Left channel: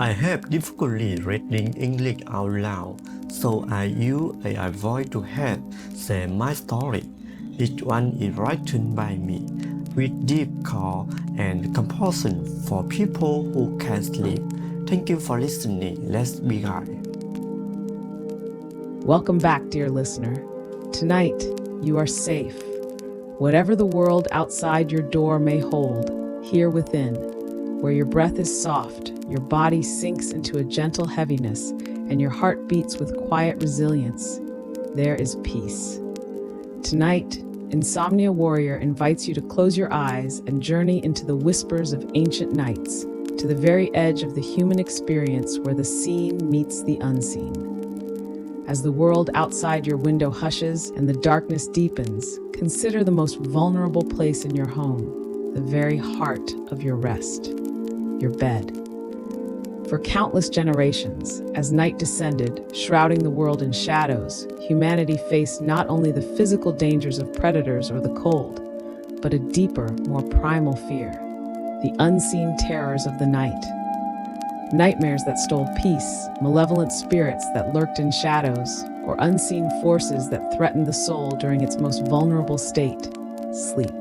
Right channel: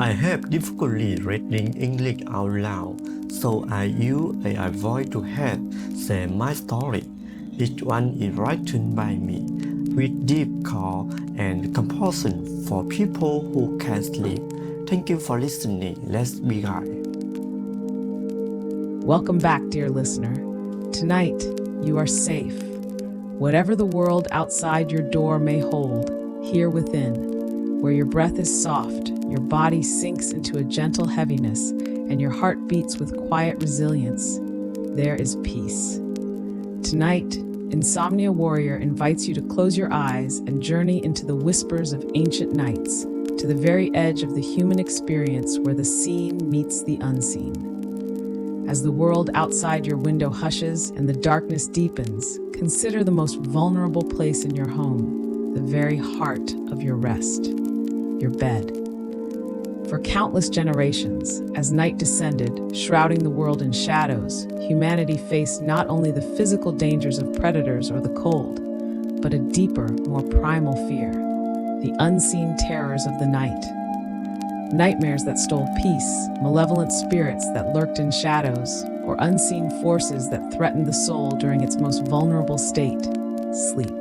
I have difficulty reading English out loud, so I use AI voice to help share my story. Each one is written by me, with deep care and compassion for people who can't sleep. Thank you for listening. Let's begin. Welcome back, dear listener. Tonight, you are safe. Whatever the world outside your door may hold, here within, where your breath is soft, your body sinks into a gentle heaviness, and your heart beats with quiet resilience, there is peace. Tonight, Insomnia Warrior invites you to close your eyes and journey into the whispers of ancient nights, to the very edge of the human experience where the seen meets the unseen. As the world outside your window hushes and the darkness deepens, consider the most vulnerable place in your home, the very heart of your rest, your bed. For countless generations, as night descended, shrouding the world in shadows, humanity faced not only the physical dangers of predators or the cold, but a deeper, more primal fear, the unseen terrors of the night. Nightmares that stole peace, malevolent spirits that lurked in shadows, or unseen forces that threatened the soul during its most vulnerable state, sleep.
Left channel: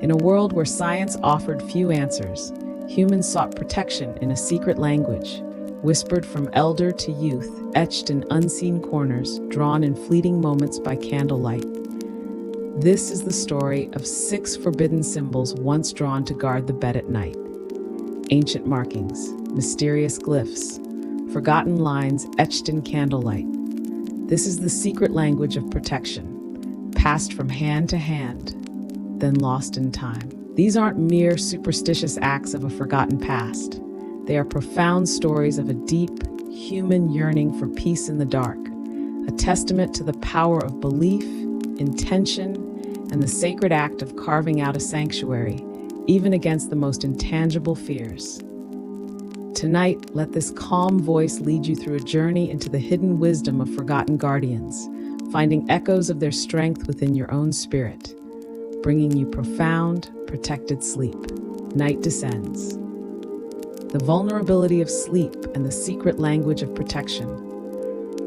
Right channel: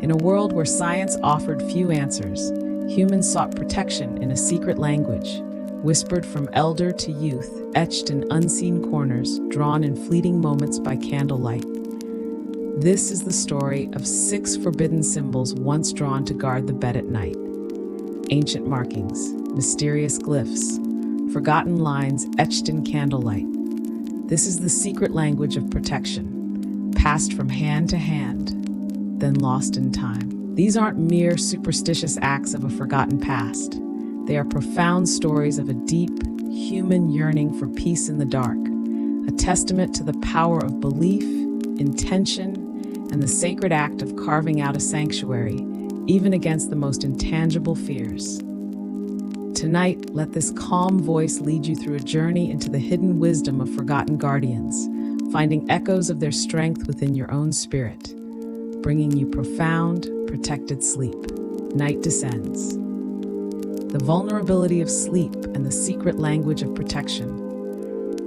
In a world where science offered few answers, humans sought protection in a secret language, whispered from elder to youth, etched in unseen corners, drawn in fleeting moments by candlelight. This is the story of 6 forbidden symbols once drawn to guard the bed at night. Ancient markings, mysterious glyphs, forgotten lines etched in candlelight. This is the secret language of protection, passed from hand to hand, then lost in time. These aren't mere superstitious acts of a forgotten past. They are profound stories of a deep, human yearning for peace in the dark, a testament to the power of belief, intention, and the sacred act of carving out a sanctuary, even against the most intangible fears. Tonight, let this calm voice lead you through a journey into the hidden wisdom of forgotten guardians, finding echoes of their strength within your own spirit, bringing you profound, protected sleep. Night descends. The vulnerability of sleep and the secret language of protection.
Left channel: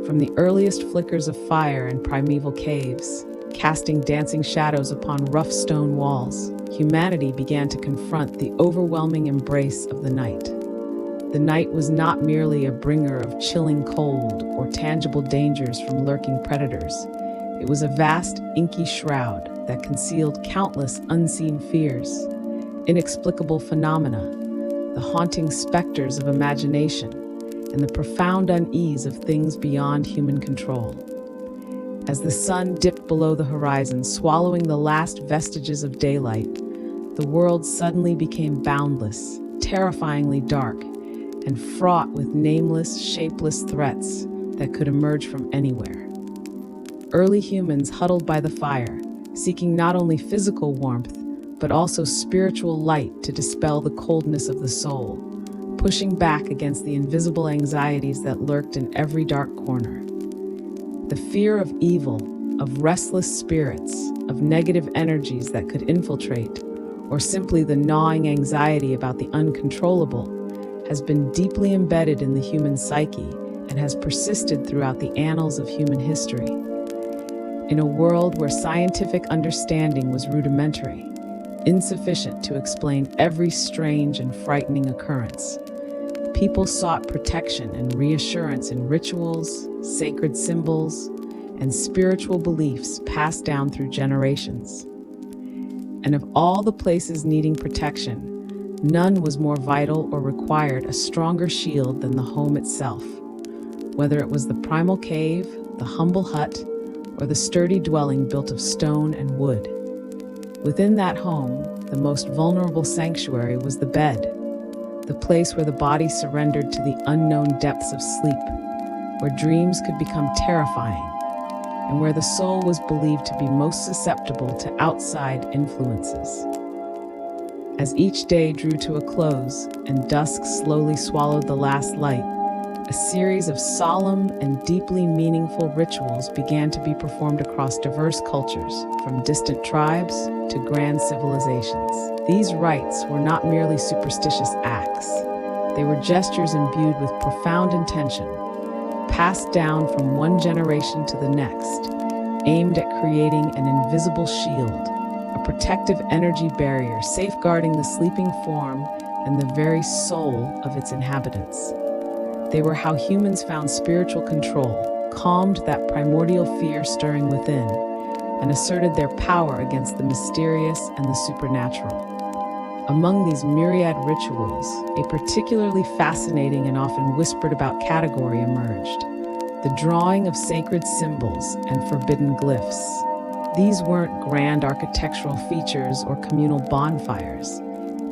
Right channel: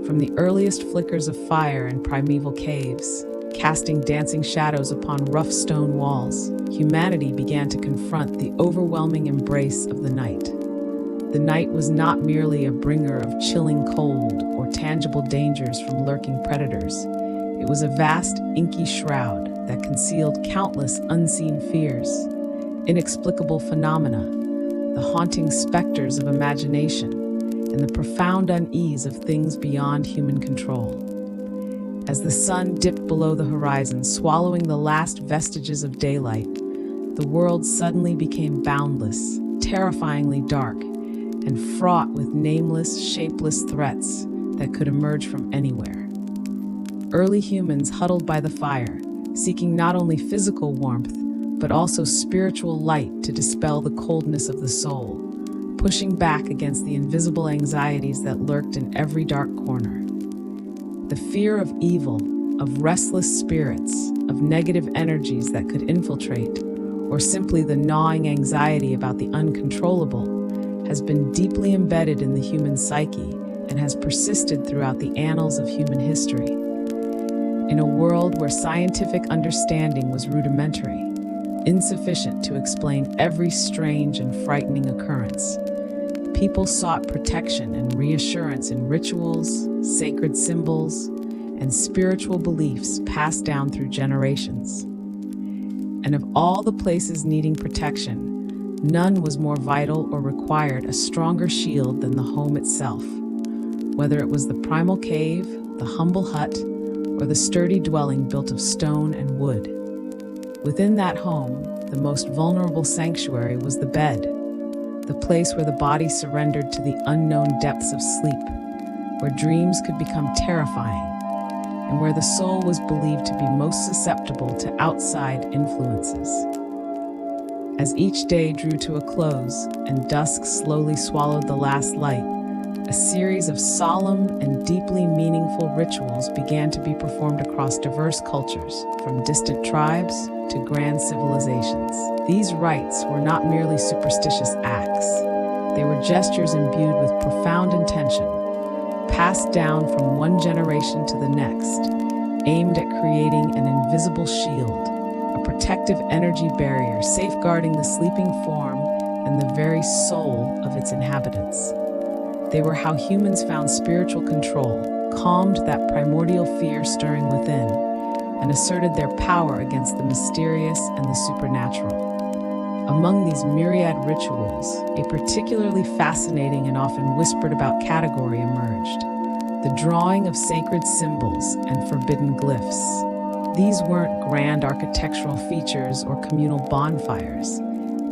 From the earliest flickers of fire in primeval caves, casting dancing shadows upon rough stone walls, humanity began to confront the overwhelming embrace of the night. The night was not merely a bringer of chilling cold or tangible dangers from lurking predators. It was a vast, inky shroud that concealed countless unseen fears, inexplicable phenomena, the haunting specters of imagination, and the profound unease of things beyond human control. As the sun dipped below the horizon, swallowing the last vestiges of daylight, the world suddenly became boundless, terrifyingly dark, and fraught with nameless, shapeless threats that could emerge from anywhere. Early humans huddled by the fire, seeking not only physical warmth, but also spiritual light to dispel the coldness of the soul, pushing back against the invisible anxieties that lurked in every dark corner. The fear of evil, of restless spirits, of negative energies that could infiltrate, or simply the gnawing anxiety about the uncontrollable, has been deeply embedded in the human psyche and has persisted throughout the annals of human history. In a world where scientific understanding was rudimentary, insufficient to explain every strange and frightening occurrence, people sought protection and reassurance in rituals, sacred symbols, and spiritual beliefs passed down through generations. And of all the places needing protection, none was more vital or required a stronger shield than the home itself. Whether it was the primal cave, the humble hut, or the sturdy dwelling built of stone and wood. Within that home, the most vulnerable sanctuary was the bed, the place where the body surrendered to the unknown depths of sleep, where dreams could become terrifying, and where the soul was believed to be most susceptible to outside influences. As each day drew to a close and dusk slowly swallowed the last light, a series of solemn and deeply meaningful rituals began to be performed across diverse cultures, from distant tribes to grand civilizations. These rites were not merely superstitious acts. They were gestures imbued with profound intention, passed down from one generation to the next, aimed at creating an invisible shield, a protective energy barrier safeguarding the sleeping form and the very soul of its inhabitants. They were how humans found spiritual control, calmed that primordial fear stirring within, and asserted their power against the mysterious and the supernatural. Among these myriad rituals, a particularly fascinating and often whispered about category emerged: the drawing of sacred symbols and forbidden glyphs. These weren't grand architectural features or communal bonfires.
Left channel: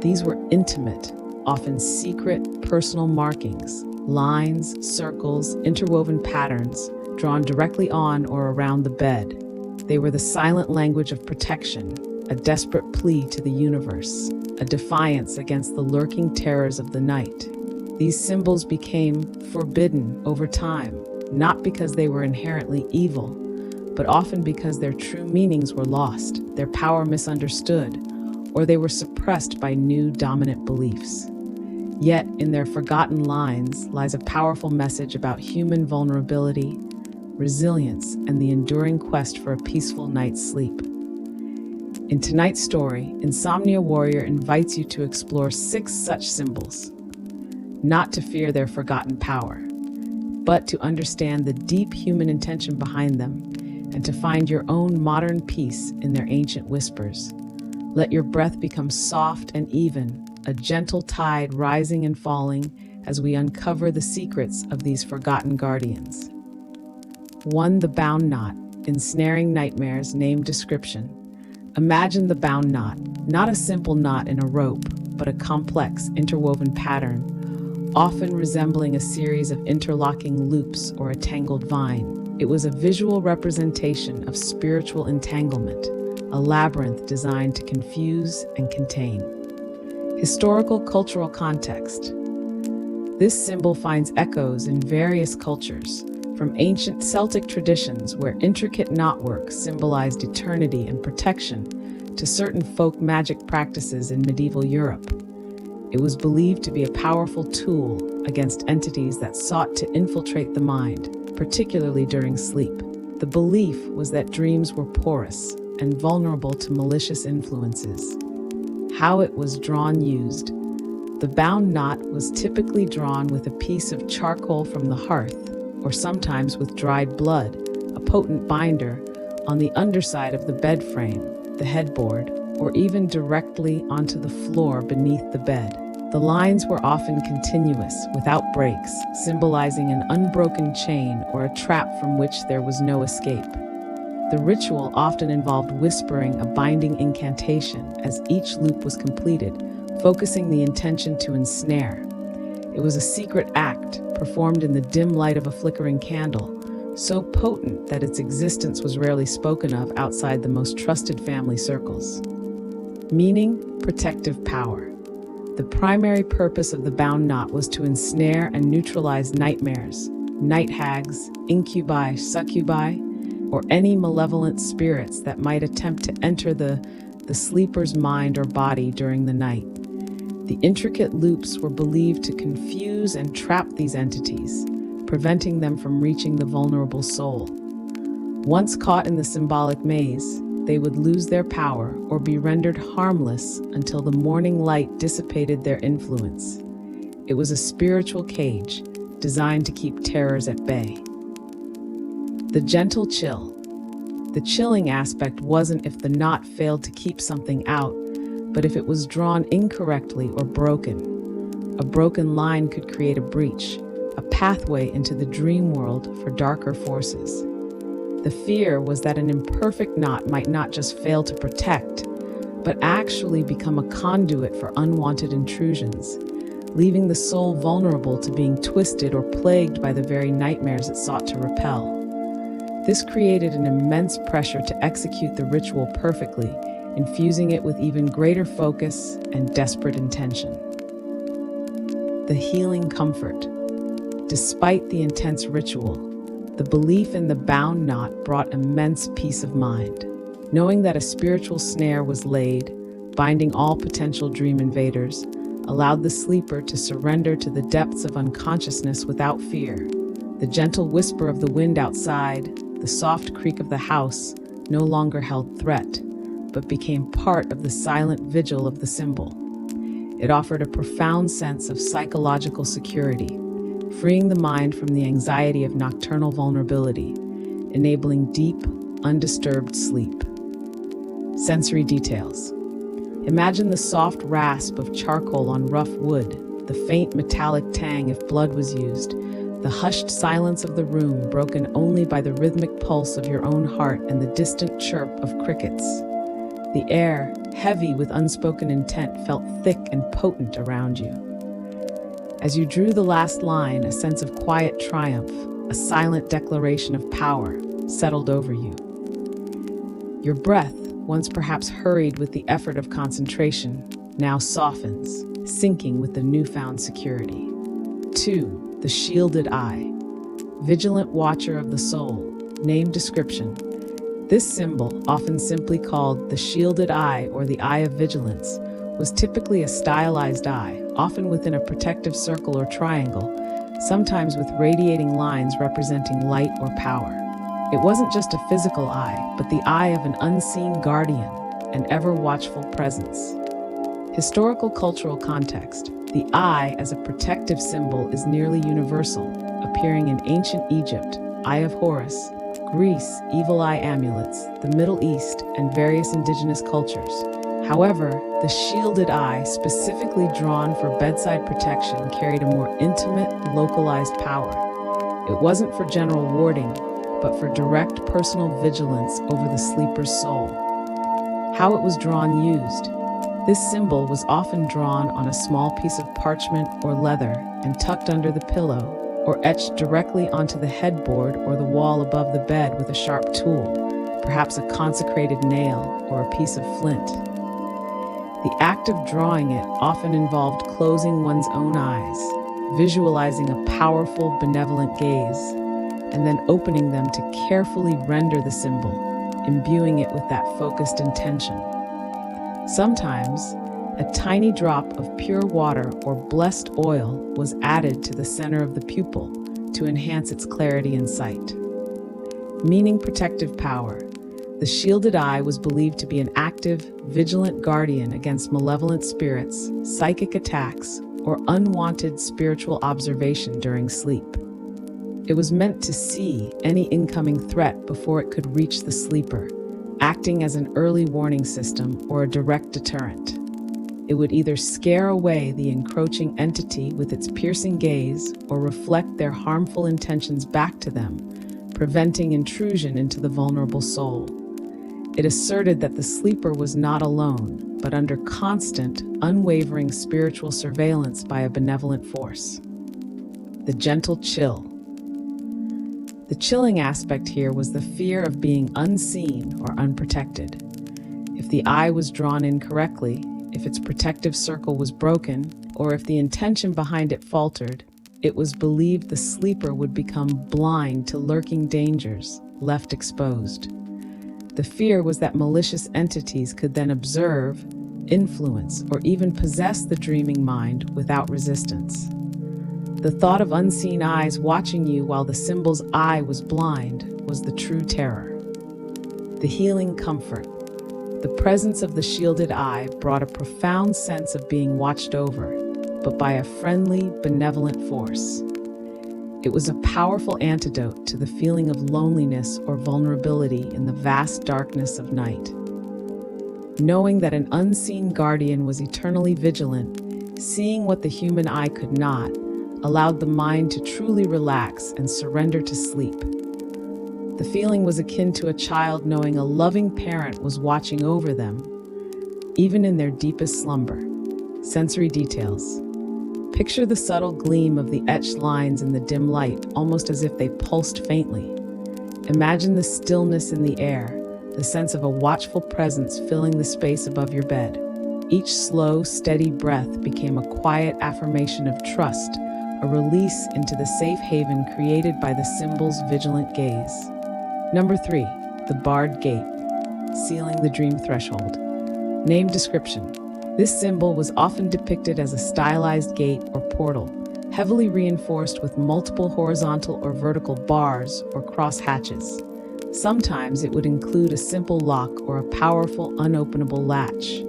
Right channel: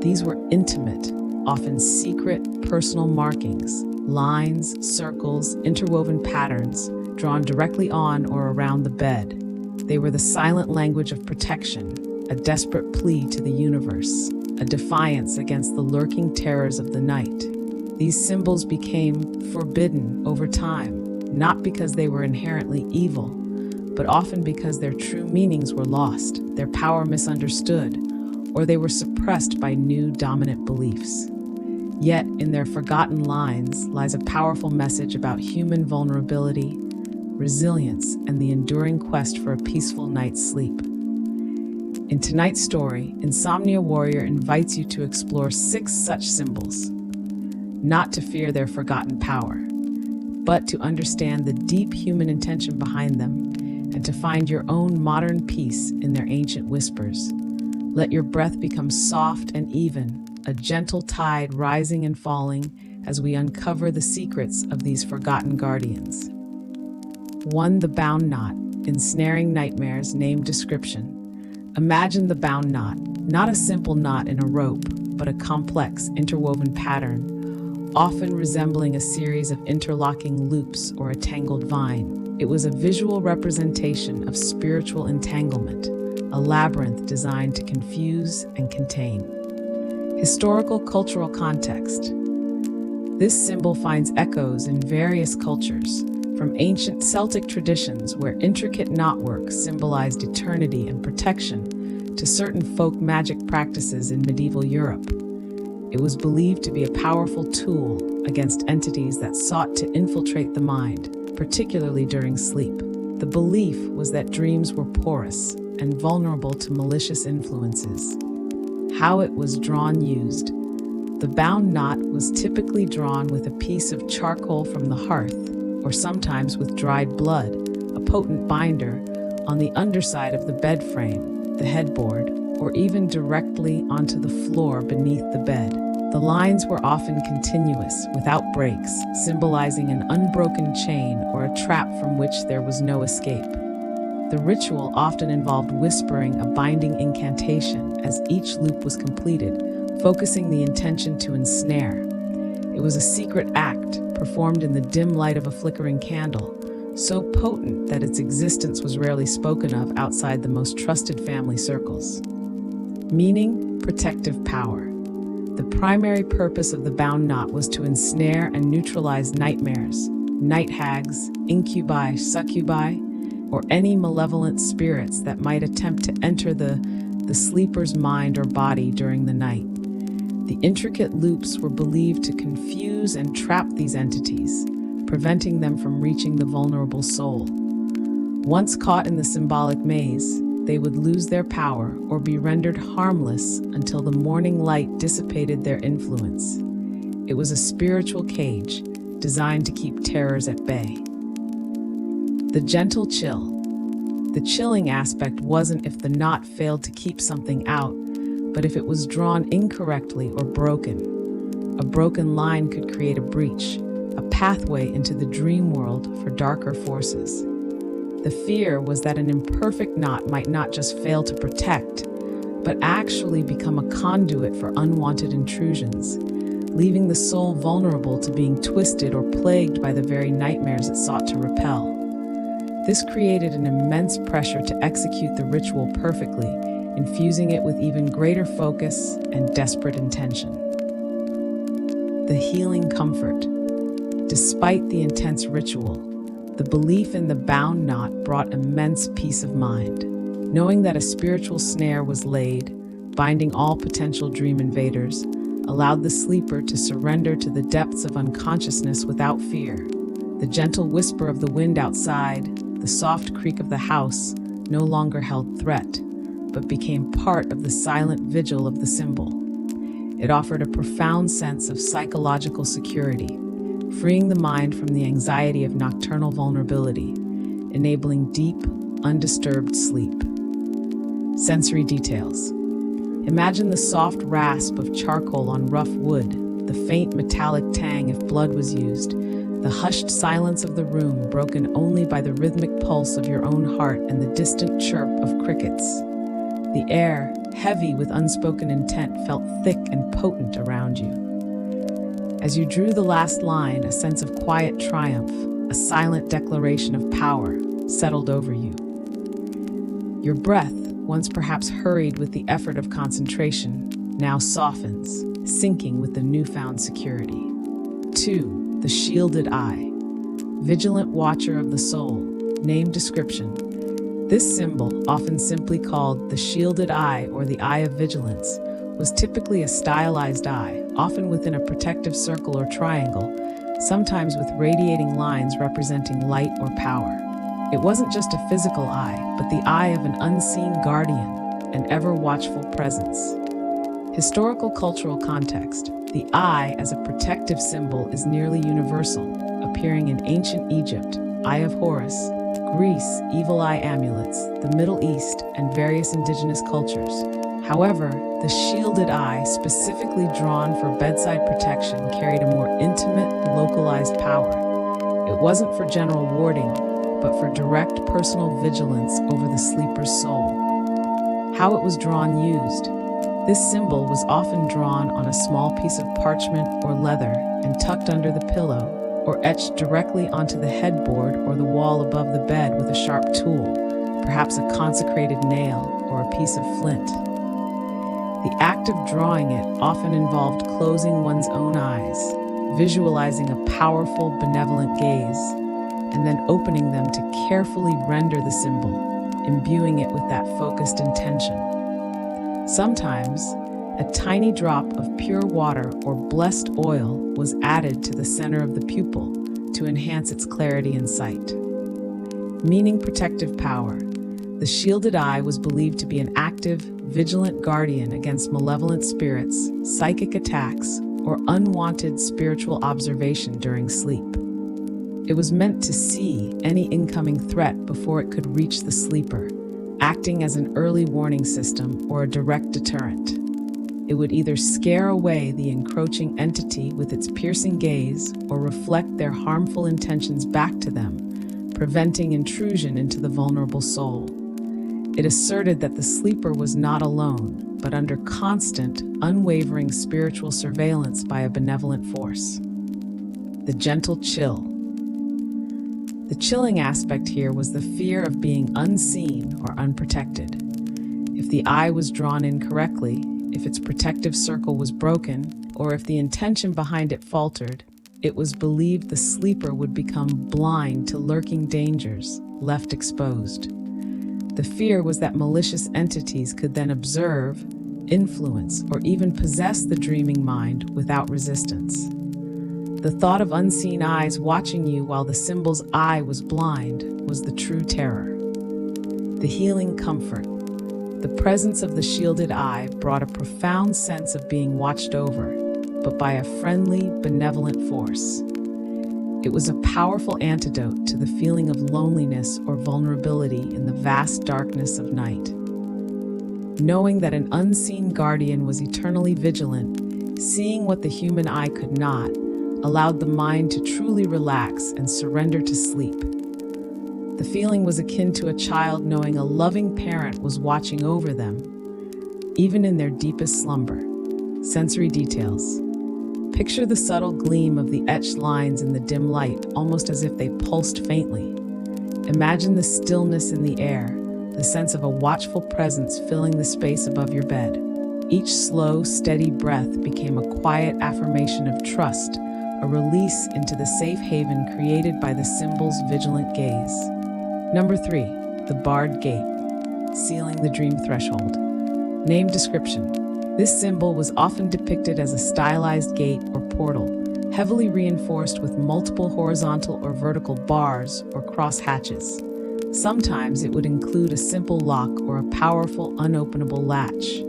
These were intimate, often secret, personal markings, lines, circles, interwoven patterns, drawn directly on or around the bed. They were the silent language of protection, a desperate plea to the universe, a defiance against the lurking terrors of the night. These symbols became forbidden over time, not because they were inherently evil, but often because their true meanings were lost, their power misunderstood, or they were suppressed by new dominant beliefs. Yet, in their forgotten lines lies a powerful message about human vulnerability, resilience, and the enduring quest for a peaceful night's sleep. In tonight's story, Insomnia Warrior invites you to explore 6 such symbols, not to fear their forgotten power, but to understand the deep human intention behind them and to find your own modern peace in their ancient whispers. Let your breath become soft and even, a gentle tide rising and falling as we uncover the secrets of these forgotten guardians. 1. The bound knot, ensnaring nightmares. Name description. Imagine the bound knot, not a simple knot in a rope, but a complex, interwoven pattern, often resembling a series of interlocking loops or a tangled vine. It was a visual representation of spiritual entanglement, a labyrinth designed to confuse and contain. Historical cultural context. This symbol finds echoes in various cultures, from ancient Celtic traditions where intricate knotwork symbolized eternity and protection to certain folk magic practices in medieval Europe. It was believed to be a powerful tool against entities that sought to infiltrate the mind, particularly during sleep. The belief was that dreams were porous and vulnerable to malicious influences. How it was used. The bound knot was typically drawn with a piece of charcoal from the hearth, or sometimes with dried blood, a potent binder, on the underside of the bed frame, the headboard, or even directly onto the floor beneath the bed. The lines were often continuous, without breaks, symbolizing an unbroken chain or a trap from which there was no escape. The ritual often involved whispering a binding incantation as each loop was completed, focusing the intention to ensnare. It was a secret act, performed in the dim light of a flickering candle, so potent that its existence was rarely spoken of outside the most trusted family circles. Meaning: protective power. The primary purpose of the bound knot was to ensnare and neutralize nightmares, night hags, incubi, succubi, or any malevolent spirits that might attempt to enter the sleeper's mind or body during the night. The intricate loops were believed to confuse and trap these entities, preventing them from reaching the vulnerable soul. Once caught in the symbolic maze, they would lose their power or be rendered harmless until the morning light dissipated their influence. It was a spiritual cage designed to keep terrors at bay. The gentle chill. The chilling aspect wasn't if the knot failed to keep something out, but if it was drawn incorrectly or broken. A broken line could create a breach, a pathway into the dream world for darker forces. The fear was that an imperfect knot might not just fail to protect, but actually become a conduit for unwanted intrusions, leaving the soul vulnerable to being twisted or plagued by the very nightmares it sought to repel. This created an immense pressure to execute the ritual perfectly, infusing it with even greater focus and desperate intention. The healing comfort. Despite the intense ritual, the belief in the bound knot brought immense peace of mind. Knowing that a spiritual snare was laid, binding all potential dream invaders, allowed the sleeper to surrender to the depths of unconsciousness without fear. The gentle whisper of the wind outside, the soft creak of the house, no longer held threat, but became part of the silent vigil of the symbol. It offered a profound sense of psychological security, freeing the mind from the anxiety of nocturnal vulnerability, enabling deep, undisturbed sleep. Sensory details. Imagine the soft rasp of charcoal on rough wood, the faint metallic tang if blood was used, the hushed silence of the room broken only by the rhythmic pulse of your own heart and the distant chirp of crickets. The air, heavy with unspoken intent, felt thick and potent around you. As you drew the last line, a sense of quiet triumph, a silent declaration of power, settled over you. Your breath, once perhaps hurried with the effort of concentration, now softens, sinking with the newfound security. 2. The shielded eye. Vigilant watcher of the soul. Name description. This symbol, often simply called the shielded eye or the eye of vigilance, was typically a stylized eye, often within a protective circle or triangle, sometimes with radiating lines representing light or power. It wasn't just a physical eye, but the eye of an unseen guardian, an ever-watchful presence. Historical cultural context. The eye as a protective symbol is nearly universal, appearing in ancient Egypt, Eye of Horus, Greece, evil eye amulets, the Middle East, and various indigenous cultures. However, the shielded eye, specifically drawn for bedside protection, carried a more intimate, localized power. It wasn't for general warding, but for direct personal vigilance over the sleeper's soul. How it was drawn used. This symbol was often drawn on a small piece of parchment or leather and tucked under the pillow, or etched directly onto the headboard or the wall above the bed with a sharp tool, perhaps a consecrated nail or a piece of flint. The act of drawing it often involved closing one's own eyes, visualizing a powerful, benevolent gaze, and then opening them to carefully render the symbol, imbuing it with that focused intention. Sometimes, a tiny drop of pure water or blessed oil was added to the center of the pupil to enhance its clarity and sight. Meaning protective power. The shielded eye was believed to be an active, vigilant guardian against malevolent spirits, psychic attacks, or unwanted spiritual observation during sleep. It was meant to see any incoming threat before it could reach the sleeper, acting as an early warning system or a direct deterrent. It would either scare away the encroaching entity with its piercing gaze or reflect their harmful intentions back to them, preventing intrusion into the vulnerable soul. It asserted that the sleeper was not alone, but under constant, unwavering spiritual surveillance by a benevolent force. The gentle chill. The chilling aspect here was the fear of being unseen or unprotected. If the eye was drawn incorrectly, if its protective circle was broken, or if the intention behind it faltered, it was believed the sleeper would become blind to lurking dangers, left exposed. The fear was that malicious entities could then observe, influence, or even possess the dreaming mind without resistance. The thought of unseen eyes watching you while the symbol's eye was blind was the true terror. The healing comfort. The presence of the shielded eye brought a profound sense of being watched over, but by a friendly, benevolent force. It was a powerful antidote to the feeling of loneliness or vulnerability in the vast darkness of night. Knowing that an unseen guardian was eternally vigilant, seeing what the human eye could not, allowed the mind to truly relax and surrender to sleep. The feeling was akin to a child knowing a loving parent was watching over them, even in their deepest slumber. Sensory details. Picture the subtle gleam of the etched lines in the dim light, almost as if they pulsed faintly. Imagine the stillness in the air, the sense of a watchful presence filling the space above your bed. Each slow, steady breath became a quiet affirmation of trust, a release into the safe haven created by the symbol's vigilant gaze. Number 3, the barred gate, sealing the dream threshold. Name description. This symbol was often depicted as a stylized gate or portal, heavily reinforced with multiple horizontal or vertical bars or cross hatches. Sometimes it would include a simple lock or a powerful unopenable latch.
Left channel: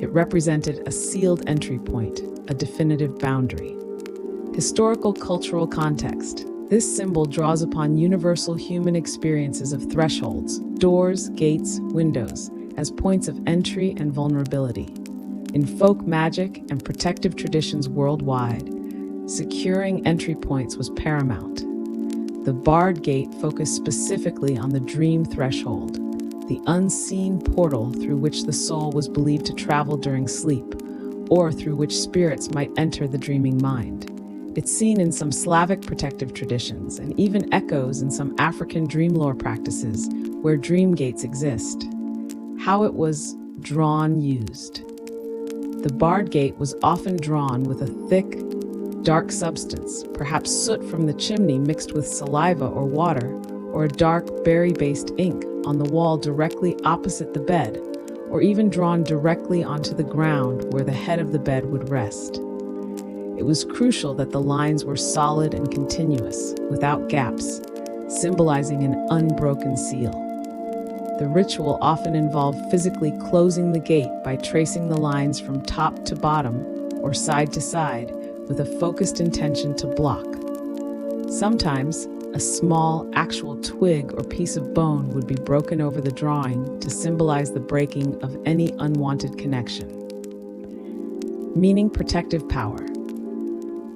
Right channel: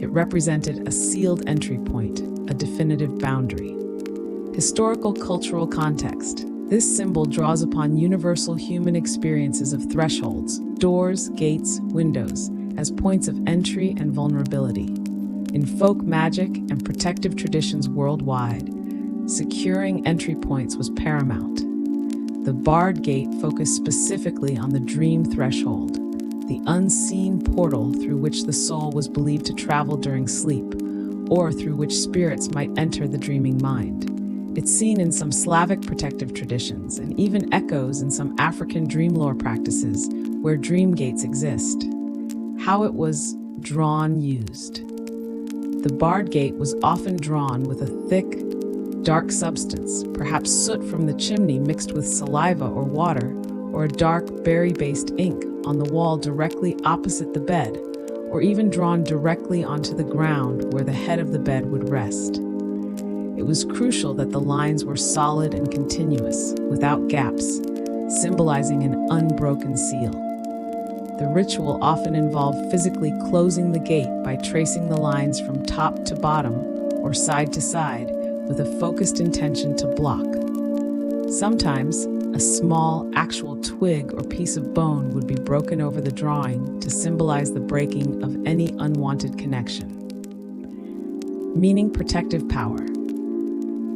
It represented a sealed entry point, a definitive boundary. Historical cultural context. This symbol draws upon universal human experiences of thresholds, doors, gates, windows, as points of entry and vulnerability. In folk magic and protective traditions worldwide, securing entry points was paramount. The barred gate focused specifically on the dream threshold, the unseen portal through which the soul was believed to travel during sleep, or through which spirits might enter the dreaming mind. It's seen in some Slavic protective traditions and even echoes in some African dream lore practices where dream gates exist. How it was used. The barred gate was often drawn with a thick, dark substance, perhaps soot from the chimney mixed with saliva or water, or a dark berry-based ink on the wall directly opposite the bed, or even drawn directly onto the ground where the head of the bed would rest. It was crucial that the lines were solid and continuous, without gaps, symbolizing an unbroken seal. The ritual often involved physically closing the gate by tracing the lines from top to bottom or side to side with a focused intention to block. Sometimes, a small, actual twig or piece of bone would be broken over the drawing to symbolize the breaking of any unwanted connection. Meaning protective power.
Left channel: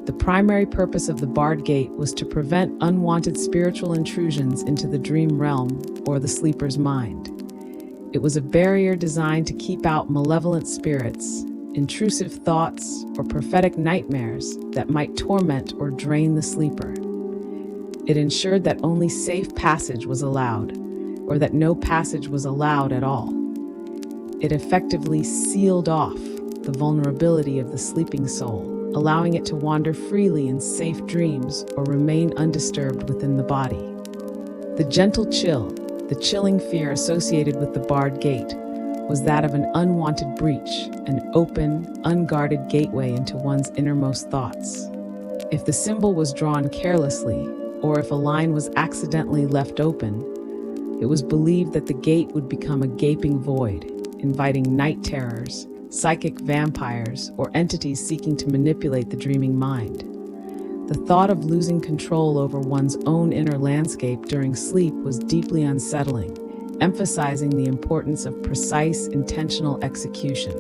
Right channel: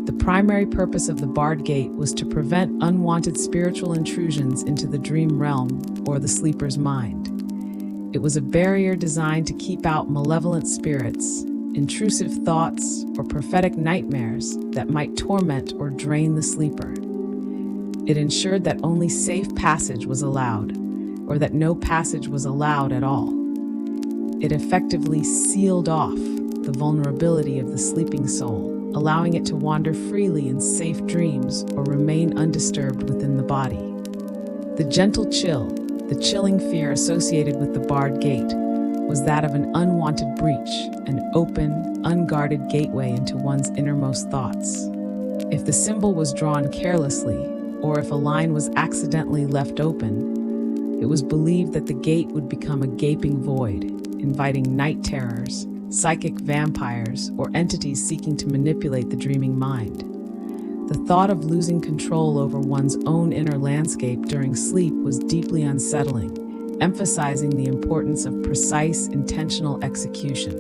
The primary purpose of the barred gate was to prevent unwanted spiritual intrusions into the dream realm or the sleeper's mind. It was a barrier designed to keep out malevolent spirits, intrusive thoughts, or prophetic nightmares that might torment or drain the sleeper. It ensured that only safe passage was allowed, or that no passage was allowed at all. It effectively sealed off the vulnerability of the sleeping soul, allowing it to wander freely in safe dreams or remain undisturbed within the body. The gentle chill, the chilling fear associated with the barred gate, was that of an unwanted breach, an open, unguarded gateway into one's innermost thoughts. If the symbol was drawn carelessly, or if a line was accidentally left open, it was believed that the gate would become a gaping void, inviting night terrors, psychic vampires, or entities seeking to manipulate the dreaming mind. The thought of losing control over one's own inner landscape during sleep was deeply unsettling, emphasizing the importance of precise, intentional execution.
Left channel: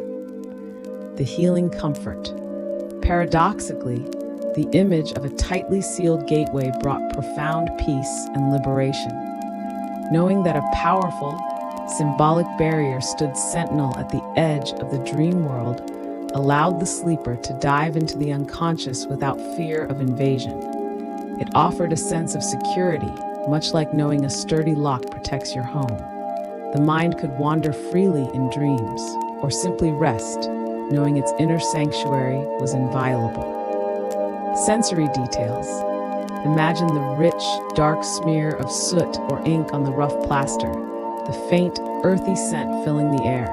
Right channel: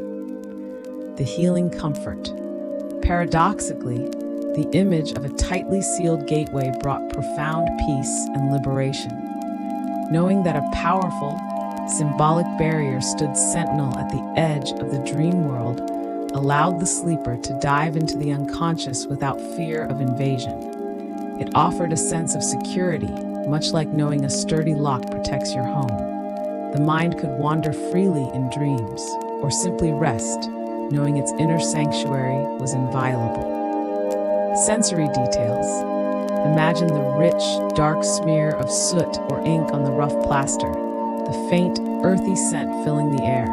The healing comfort. Paradoxically, the image of a tightly sealed gateway brought profound peace and liberation. Knowing that a powerful, symbolic barrier stood sentinel at the edge of the dream world allowed the sleeper to dive into the unconscious without fear of invasion. It offered a sense of security, much like knowing a sturdy lock protects your home. The mind could wander freely in dreams, or simply rest, knowing its inner sanctuary was inviolable. Sensory details. Imagine the rich, dark smear of soot or ink on the rough plaster, the faint, earthy scent filling the air.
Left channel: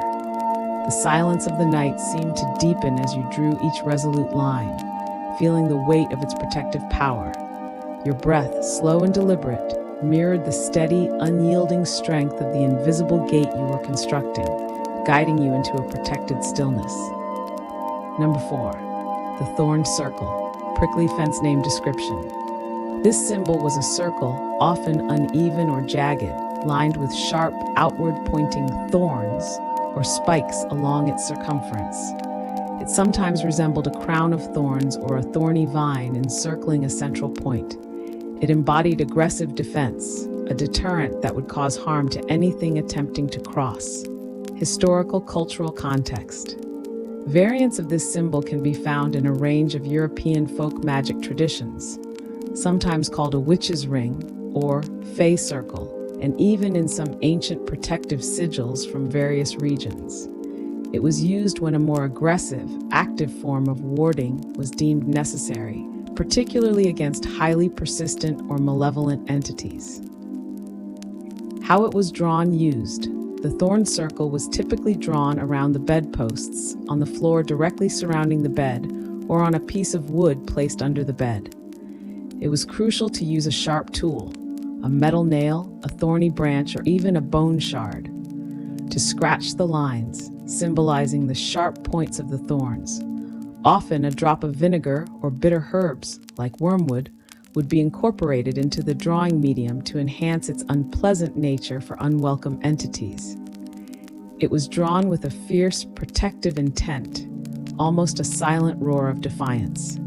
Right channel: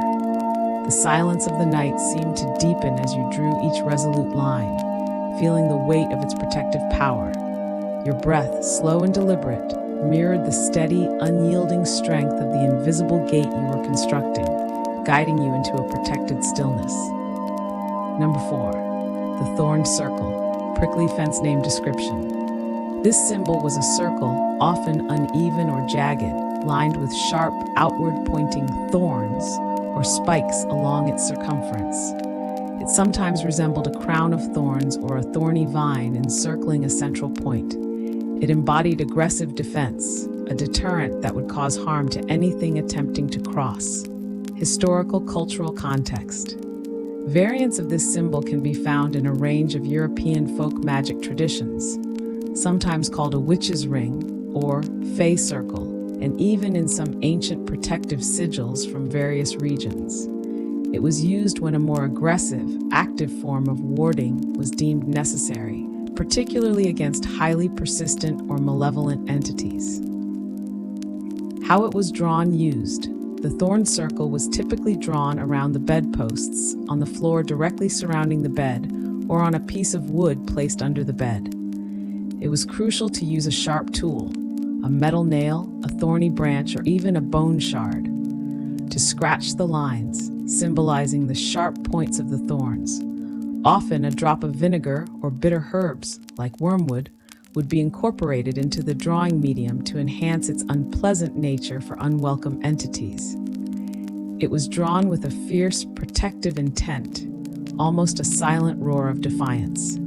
The silence of the night seemed to deepen as you drew each resolute line, feeling the weight of its protective power. Your breath, slow and deliberate, mirrored the steady, unyielding strength of the invisible gate you were constructing, guiding you into a protected stillness. Number 4. The thorned circle, prickly fence name description. This symbol was a circle, often uneven or jagged, lined with sharp, outward-pointing thorns or spikes along its circumference. It sometimes resembled a crown of thorns or a thorny vine encircling a central point. It embodied aggressive defense, a deterrent that would cause harm to anything attempting to cross. Historical cultural context. Variants of this symbol can be found in a range of European folk magic traditions, sometimes called a witch's ring or fey circle, and even in some ancient protective sigils from various regions. It was used when a more aggressive, active form of warding was deemed necessary, particularly against highly persistent or malevolent entities. How it was used. The thorn circle was typically drawn around the bedposts, on the floor directly surrounding the bed, or on a piece of wood placed under the bed. It was crucial to use a sharp tool, a metal nail, a thorny branch, or even a bone shard, to scratch the lines, symbolizing the sharp points of the thorns. Often, a drop of vinegar or bitter herbs, like wormwood, would be incorporated into the drawing medium to enhance its unpleasant nature for unwelcome entities. It was drawn with a fierce, protective intent, almost a silent roar of defiance,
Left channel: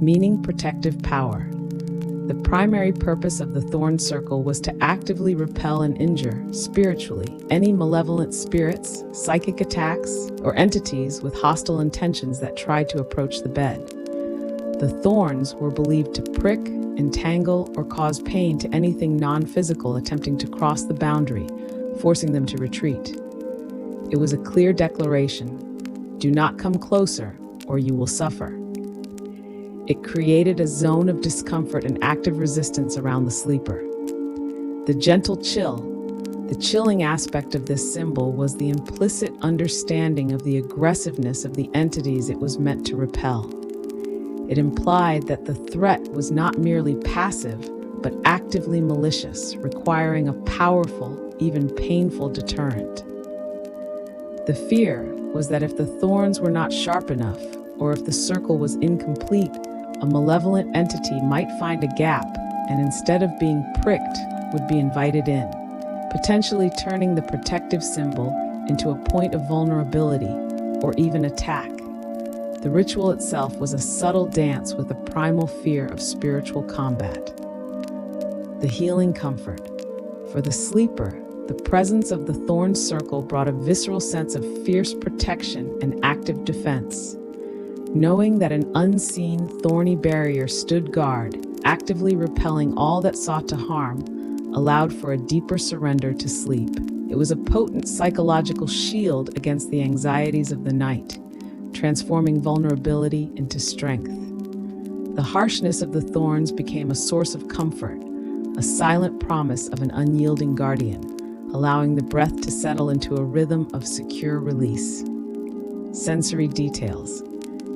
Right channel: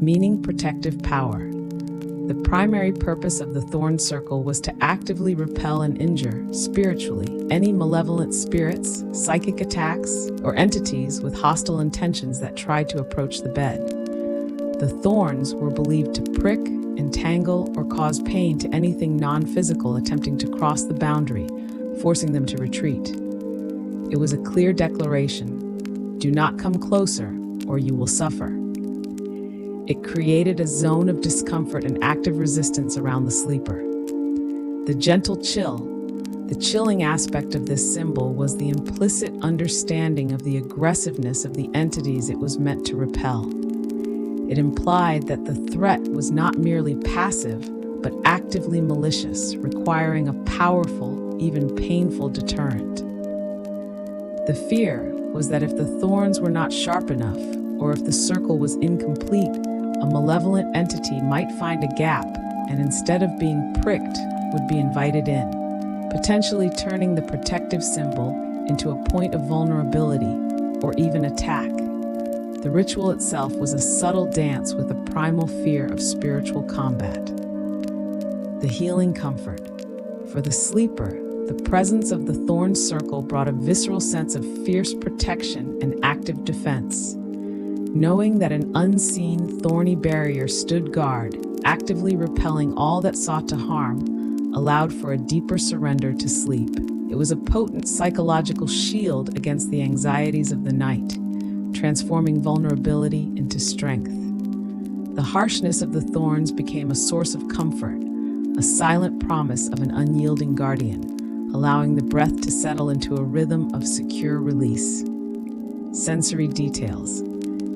meaning protective power. The primary purpose of the thorn circle was to actively repel and injure, spiritually, any malevolent spirits, psychic attacks, or entities with hostile intentions that tried to approach the bed. The thorns were believed to prick, entangle, or cause pain to anything non-physical attempting to cross the boundary, forcing them to retreat. It was a clear declaration: do not come closer, or you will suffer. It created a zone of discomfort and active resistance around the sleeper. The gentle chill. The chilling aspect of this symbol was the implicit understanding of the aggressiveness of the entities it was meant to repel. It implied that the threat was not merely passive, but actively malicious, requiring a powerful, even painful deterrent. The fear was that if the thorns were not sharp enough, or if the circle was incomplete, a malevolent entity might find a gap and, instead of being pricked, would be invited in, potentially turning the protective symbol into a point of vulnerability or even attack. The ritual itself was a subtle dance with a primal fear of spiritual combat. The healing comfort. For the sleeper, the presence of the thorn circle brought a visceral sense of fierce protection and active defense. Knowing that an unseen, thorny barrier stood guard, actively repelling all that sought to harm, allowed for a deeper surrender to sleep. It was a potent psychological shield against the anxieties of the night, transforming vulnerability into strength. The harshness of the thorns became a source of comfort, a silent promise of an unyielding guardian, allowing the breath to settle into a rhythm of secure release. Sensory details.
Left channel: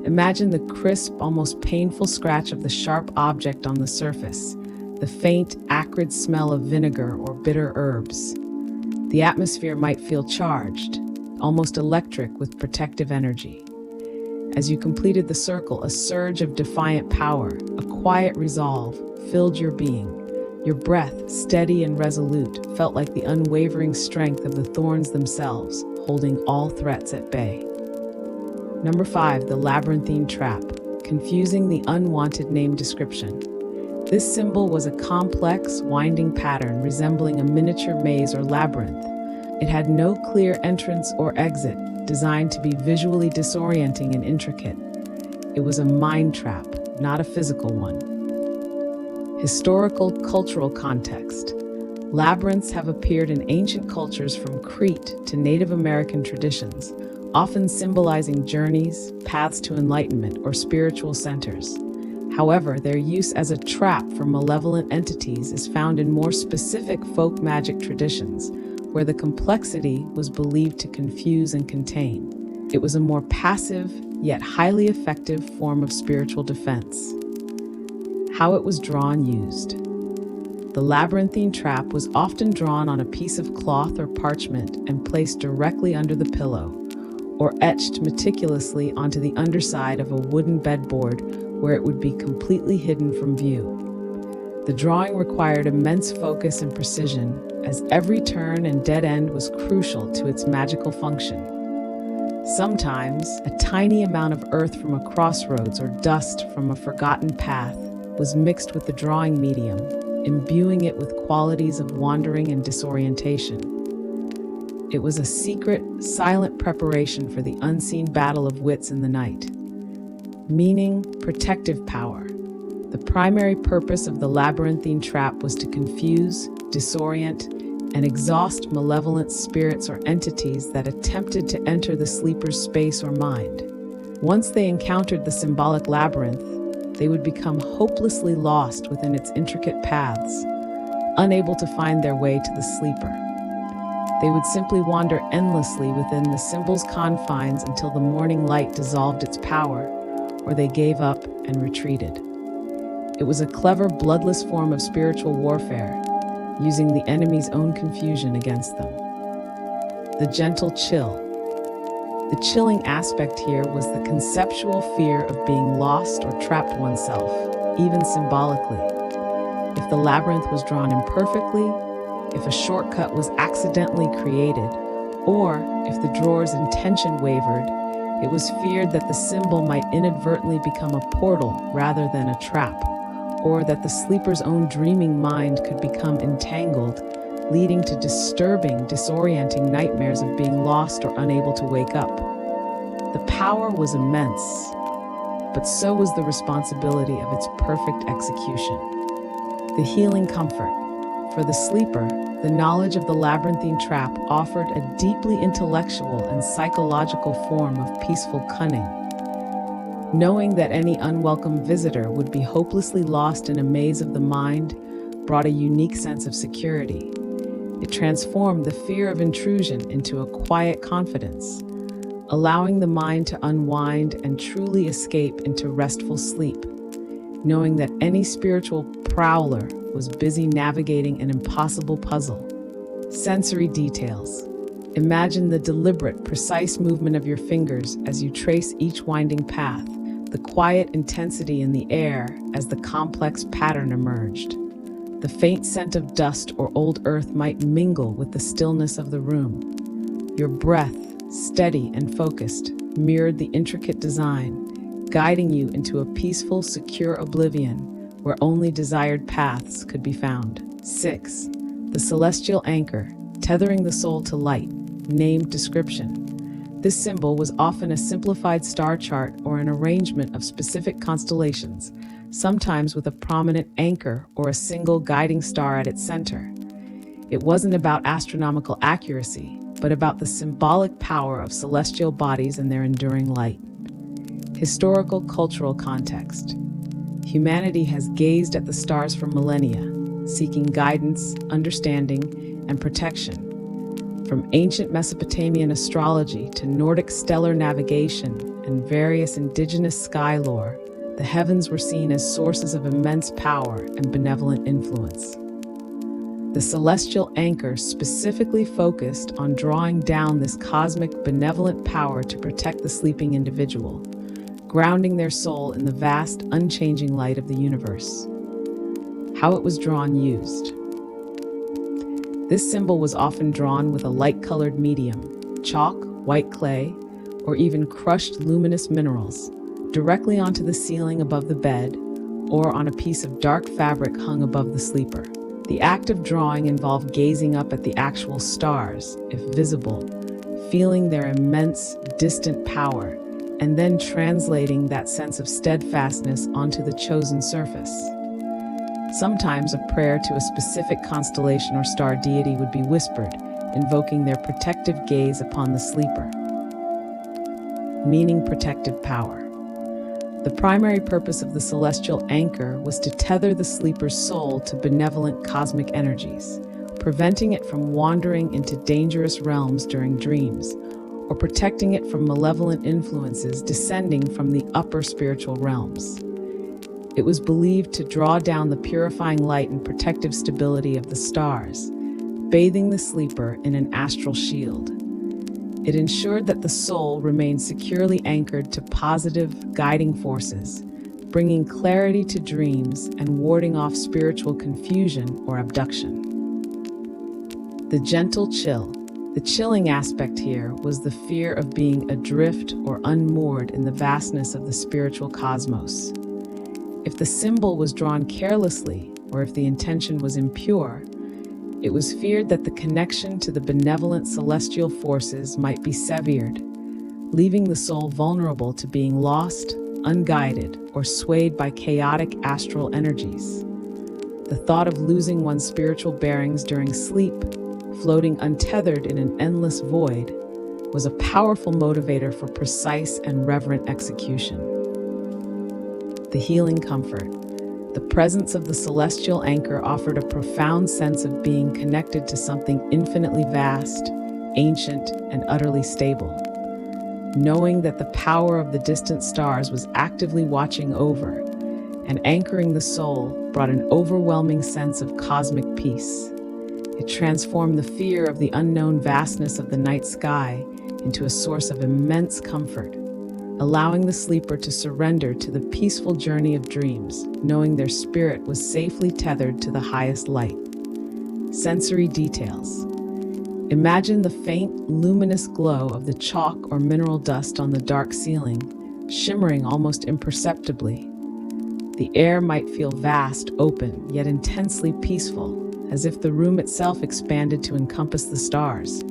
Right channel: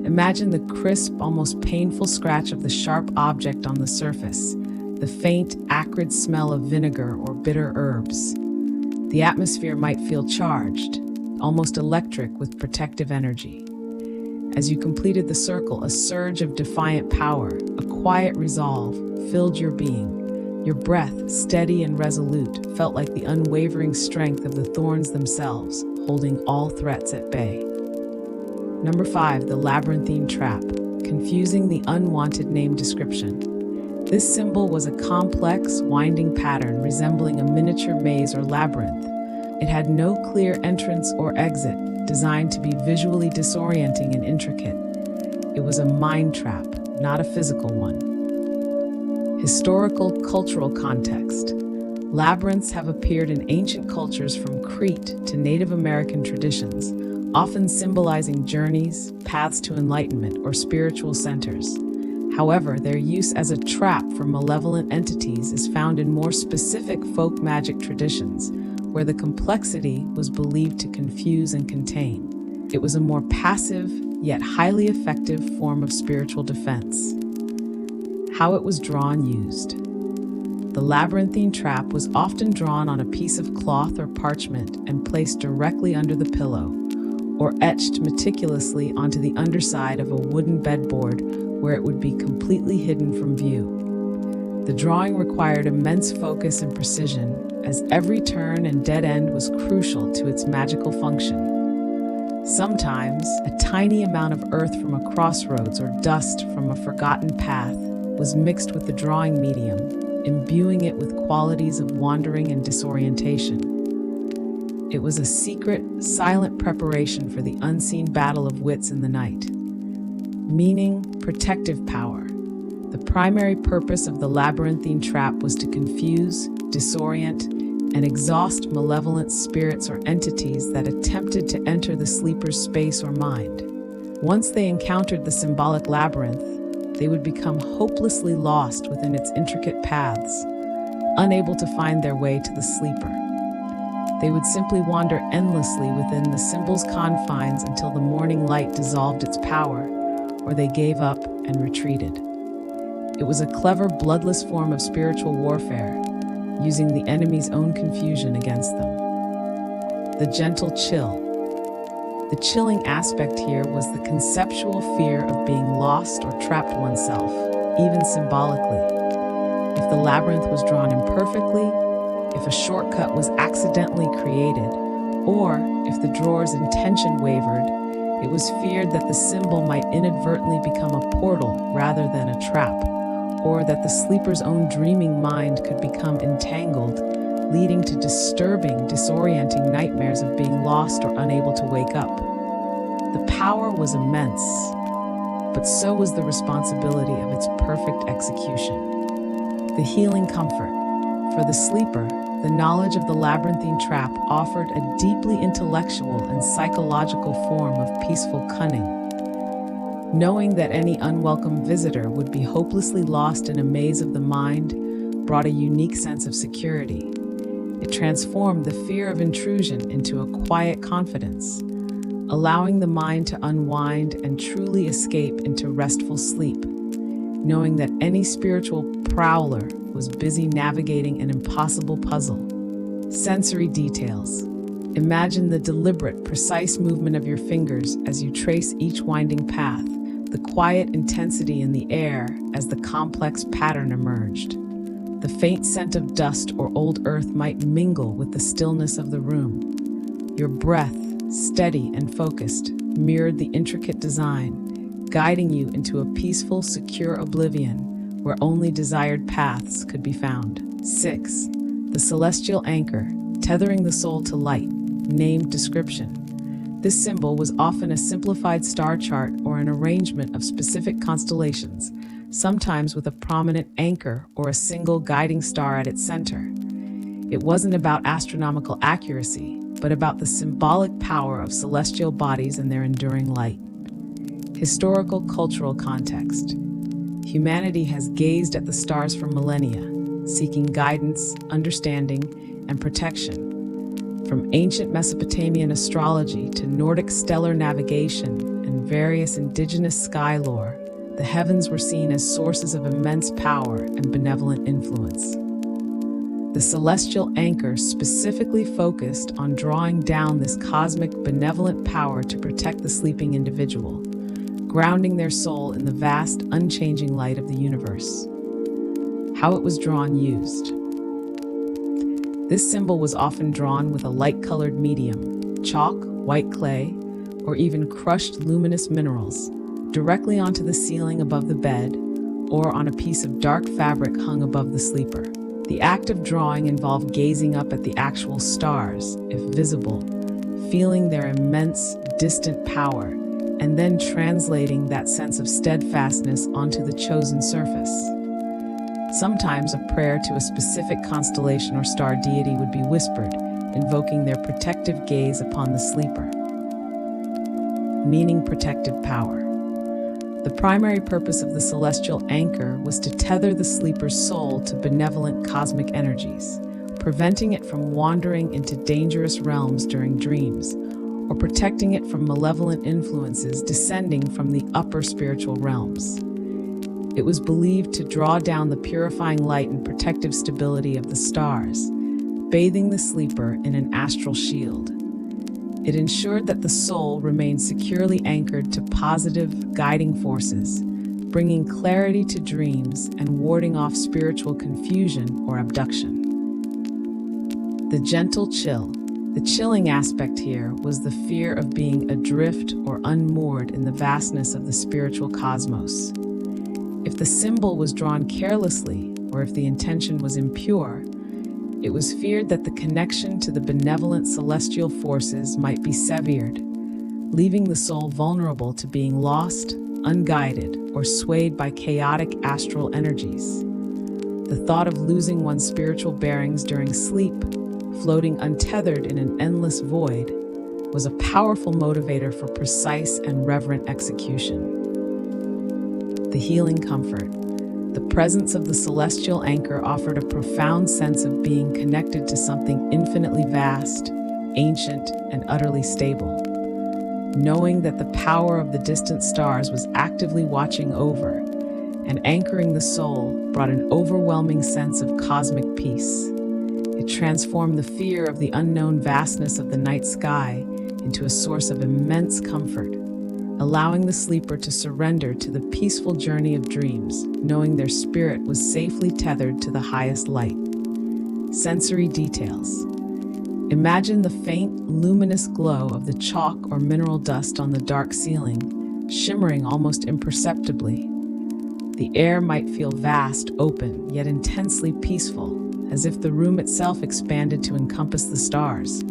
Imagine the crisp, almost painful scratch of the sharp object on the surface, the faint, acrid smell of vinegar or bitter herbs. The atmosphere might feel charged, almost electric with protective energy. As you completed the circle, a surge of defiant power, a quiet resolve, filled your being. Your breath, steady and resolute, felt like the unwavering strength of the thorns themselves, holding all threats at bay. Number 5, the labyrinthine trap, confusing the unwanted name description. This symbol was a complex, winding pattern resembling a miniature maze or labyrinth. It had no clear entrance or exit, designed to be visually disorienting and intricate. It was a mind trap, not a physical one. Historical, cultural context. Labyrinths have appeared in ancient cultures from Crete to Native American traditions, often symbolizing journeys, paths to enlightenment, or spiritual centers. However, their use as a trap for malevolent entities is found in more specific folk magic traditions, where the complexity was believed to confuse and contain. It was a more passive, yet highly effective form of spiritual defense. How it was drawn used. The labyrinthine trap was often drawn on a piece of cloth or parchment and placed directly under the pillow, or etched meticulously onto the underside of a wooden bedboard where it would be completely hidden from view. The drawing required immense focus and precision, as every turn and dead end was crucial to its magical function. Sometimes, a tiny amount of earth from a crossroads or dust from a forgotten path was mixed with the drawing medium, imbuing it with qualities of wandering and disorientation. It was a secret, silent preparation for the unseen battle of wits in the night. Meaning, protective power. The primary purpose of the labyrinthine trap was to confuse, disorient, and exhaust malevolent spirits or entities that attempted to enter the sleeper's space or mind. Once they encountered the symbolic labyrinth, they would become hopelessly lost within its intricate paths, unable to find their way to the sleeper. They would simply wander endlessly within the symbol's confines until the morning light dissolved its power, or they gave up and retreated. It was a clever, bloodless form of spiritual warfare, using the enemy's own confusion against them. The gentle chill. The chilling aspect here was the conceptual fear of being lost or trapped oneself, even symbolically. If the labyrinth was drawn imperfectly, if a shortcut was accidentally created, or if the drawer's intention wavered, it was feared that the symbol might inadvertently become a portal rather than a trap, or that the sleeper's own dreaming mind could become entangled, leading to disturbing, disorienting nightmares of being lost or unable to wake up. The power was immense, but so was the responsibility of its perfect execution. The healing comfort. For the sleeper, the knowledge of the labyrinthine trap offered a deeply intellectual and psychological form of peaceful cunning. Knowing that any unwelcome visitor would be hopelessly lost in a maze of the mind brought a unique sense of security. It transformed the fear of intrusion into a quiet confidence, allowing the mind to unwind and truly escape into restful sleep, knowing that any spiritual prowler was busy navigating an impossible puzzle. Sensory details. Imagine the deliberate, precise movement of your fingers as you trace each winding path, the quiet intensity in the air as the complex pattern emerged. The faint scent of dust or old earth might mingle with the stillness of the room. Your breath, steady and focused, mirrored the intricate design, guiding you into a peaceful, secure oblivion where only desired paths could be found. 6. The celestial anchor, tethering the soul to light. Named description. This symbol was often a simplified star chart or an arrangement of specific constellations, sometimes with a prominent anchor or a single guiding star at its center. It wasn't about astronomical accuracy, but about the symbolic power of celestial bodies and their enduring light. Historical cultural context. Humanity has gazed at the stars for millennia, seeking guidance, understanding, and protection. From ancient Mesopotamian astrology to Nordic stellar navigation and various indigenous sky lore, the heavens were seen as sources of immense power and benevolent influence. The celestial anchor specifically focused on drawing down this cosmic benevolent power to protect the sleeping individual, grounding their soul in the vast, unchanging light of the universe. How it was drawn used. This symbol was often drawn with a light-colored medium, chalk, white clay, or even crushed luminous minerals, directly onto the ceiling above the bed or on a piece of dark fabric hung above the sleeper. The act of drawing involved gazing up at the actual stars, if visible, feeling their immense, distant power, and then translating that sense of steadfastness onto the chosen surface. Sometimes a prayer to a specific constellation or star deity would be whispered, invoking their protective gaze upon the sleeper. Meaning protective power. The primary purpose of the celestial anchor was to tether the sleeper's soul to benevolent cosmic energies, preventing it from wandering into dangerous realms during dreams, or protecting it from malevolent influences descending from the upper spiritual realms. It was believed to draw down the purifying light and protective stability of the stars, bathing the sleeper in an astral shield. It ensured that the soul remained securely anchored to positive, guiding forces, bringing clarity to dreams and warding off spiritual confusion or abduction. The gentle chill. The chilling aspect here was the fear of being adrift or unmoored in the vastness of the spiritual cosmos. If the symbol was drawn carelessly, or if the intention was impure, it was feared that the connection to the benevolent celestial forces might be severed, leaving the soul vulnerable to being lost, unguided, or swayed by chaotic astral energies. The thought of losing one's spiritual bearings during sleep, floating untethered in an endless void, was a powerful motivator for precise and reverent execution. The healing comfort. The presence of the celestial anchor offered a profound sense of being connected to something infinitely vast, ancient, and utterly stable. Knowing that the power of the distant stars was actively watching over and anchoring the soul brought an overwhelming sense of cosmic peace. It transformed the fear of the unknown vastness of the night sky into a source of immense comfort, allowing the sleeper to surrender to the peaceful journey of dreams, knowing their spirit was safely tethered to the highest light. Sensory details. Imagine the faint, luminous glow of the chalk or mineral dust on the dark ceiling, shimmering almost imperceptibly. The air might feel vast, open, yet intensely peaceful, as if the room itself expanded to encompass the stars.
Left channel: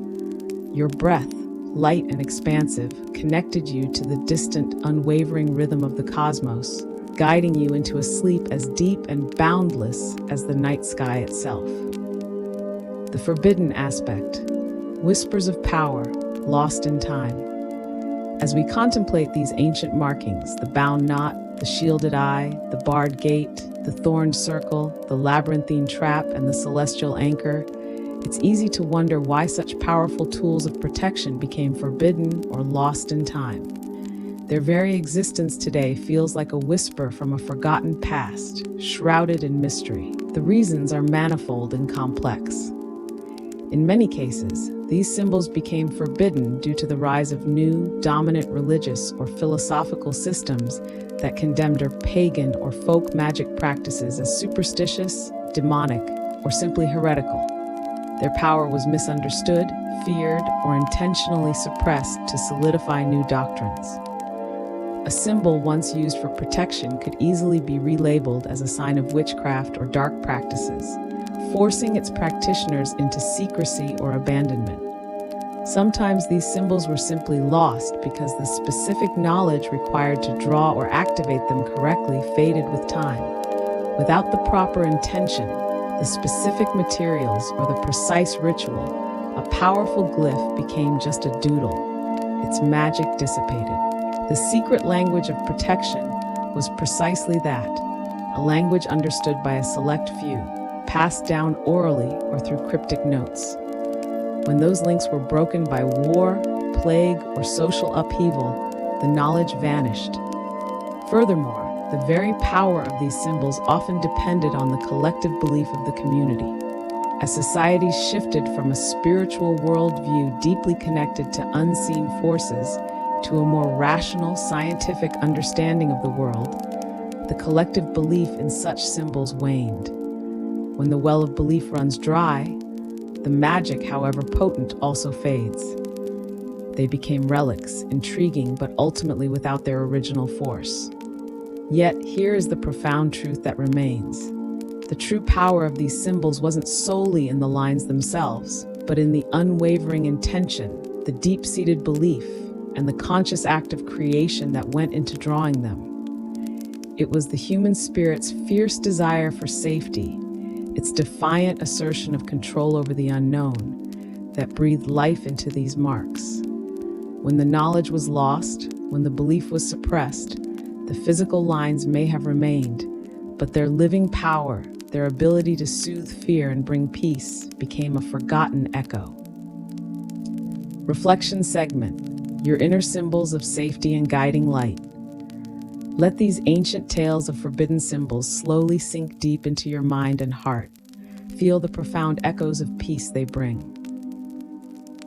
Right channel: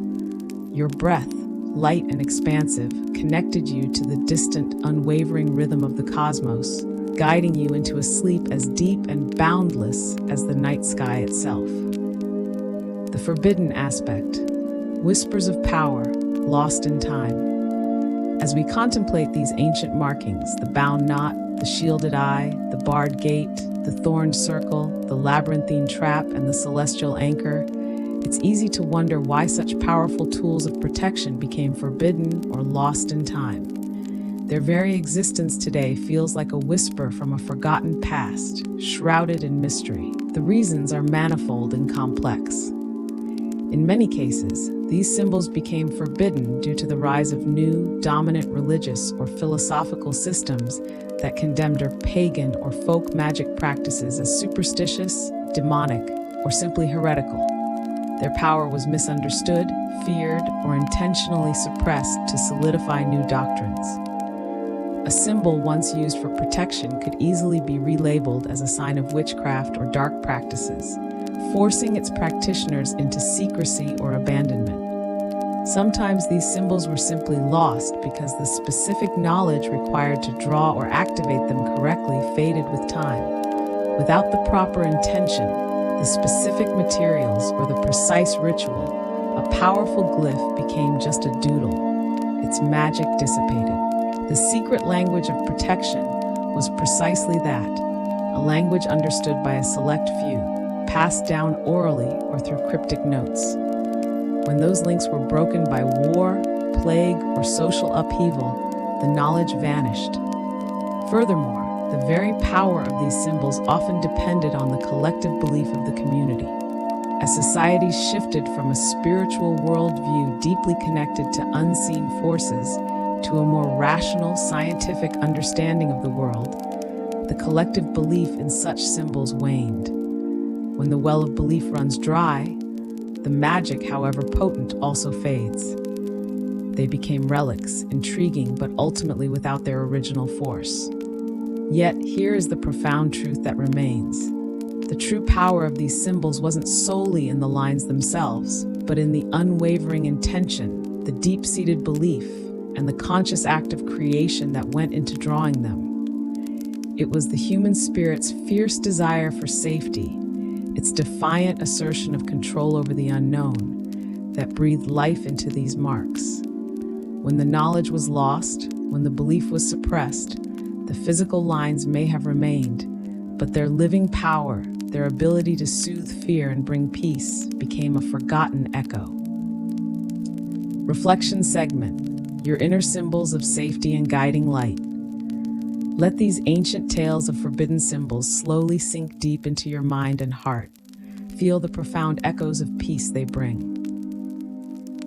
Your breath, light and expansive, connected you to the distant, unwavering rhythm of the cosmos, guiding you into a sleep as deep and boundless as the night sky itself. The forbidden aspect. Whispers of power, lost in time. As we contemplate these ancient markings, the bound knot, the shielded eye, the barred gate, the thorned circle, the labyrinthine trap, and the celestial anchor, it's easy to wonder why such powerful tools of protection became forbidden or lost in time. Their very existence today feels like a whisper from a forgotten past, shrouded in mystery. The reasons are manifold and complex. In many cases, these symbols became forbidden due to the rise of new, dominant religious or philosophical systems that condemned or pagan or folk magic practices as superstitious, demonic, or simply heretical. Their power was misunderstood, feared, or intentionally suppressed to solidify new doctrines. A symbol once used for protection could easily be relabeled as a sign of witchcraft or dark practices, forcing its practitioners into secrecy or abandonment. Sometimes these symbols were simply lost because the specific knowledge required to draw or activate them correctly faded with time. Without the proper intention, the specific materials, or the precise ritual, a powerful glyph became just a doodle. Its magic dissipated. The secret language of protection was precisely that, a language understood by a select few, passed down orally or through cryptic notes. When those links were broken by war, plague, or social upheaval, the knowledge vanished. Furthermore, the very power of these symbols often depended on the collective belief of the community. As societies shifted from a spiritual worldview deeply connected to unseen forces to a more rational, scientific understanding of the world, the collective belief in such symbols waned. When the well of belief runs dry, the magic, however potent, also fades. They became relics, intriguing, but ultimately without their original force. Yet, here is the profound truth that remains. The true power of these symbols wasn't solely in the lines themselves, but in the unwavering intention, the deep-seated belief, and the conscious act of creation that went into drawing them. It was the human spirit's fierce desire for safety, its defiant assertion of control over the unknown, that breathed life into these marks. When the knowledge was lost, when the belief was suppressed, the physical lines may have remained, but their living power, their ability to soothe fear and bring peace, became a forgotten echo. Reflection segment: your inner symbols of safety and guiding light. Let these ancient tales of forbidden symbols slowly sink deep into your mind and heart. Feel the profound echoes of peace they bring.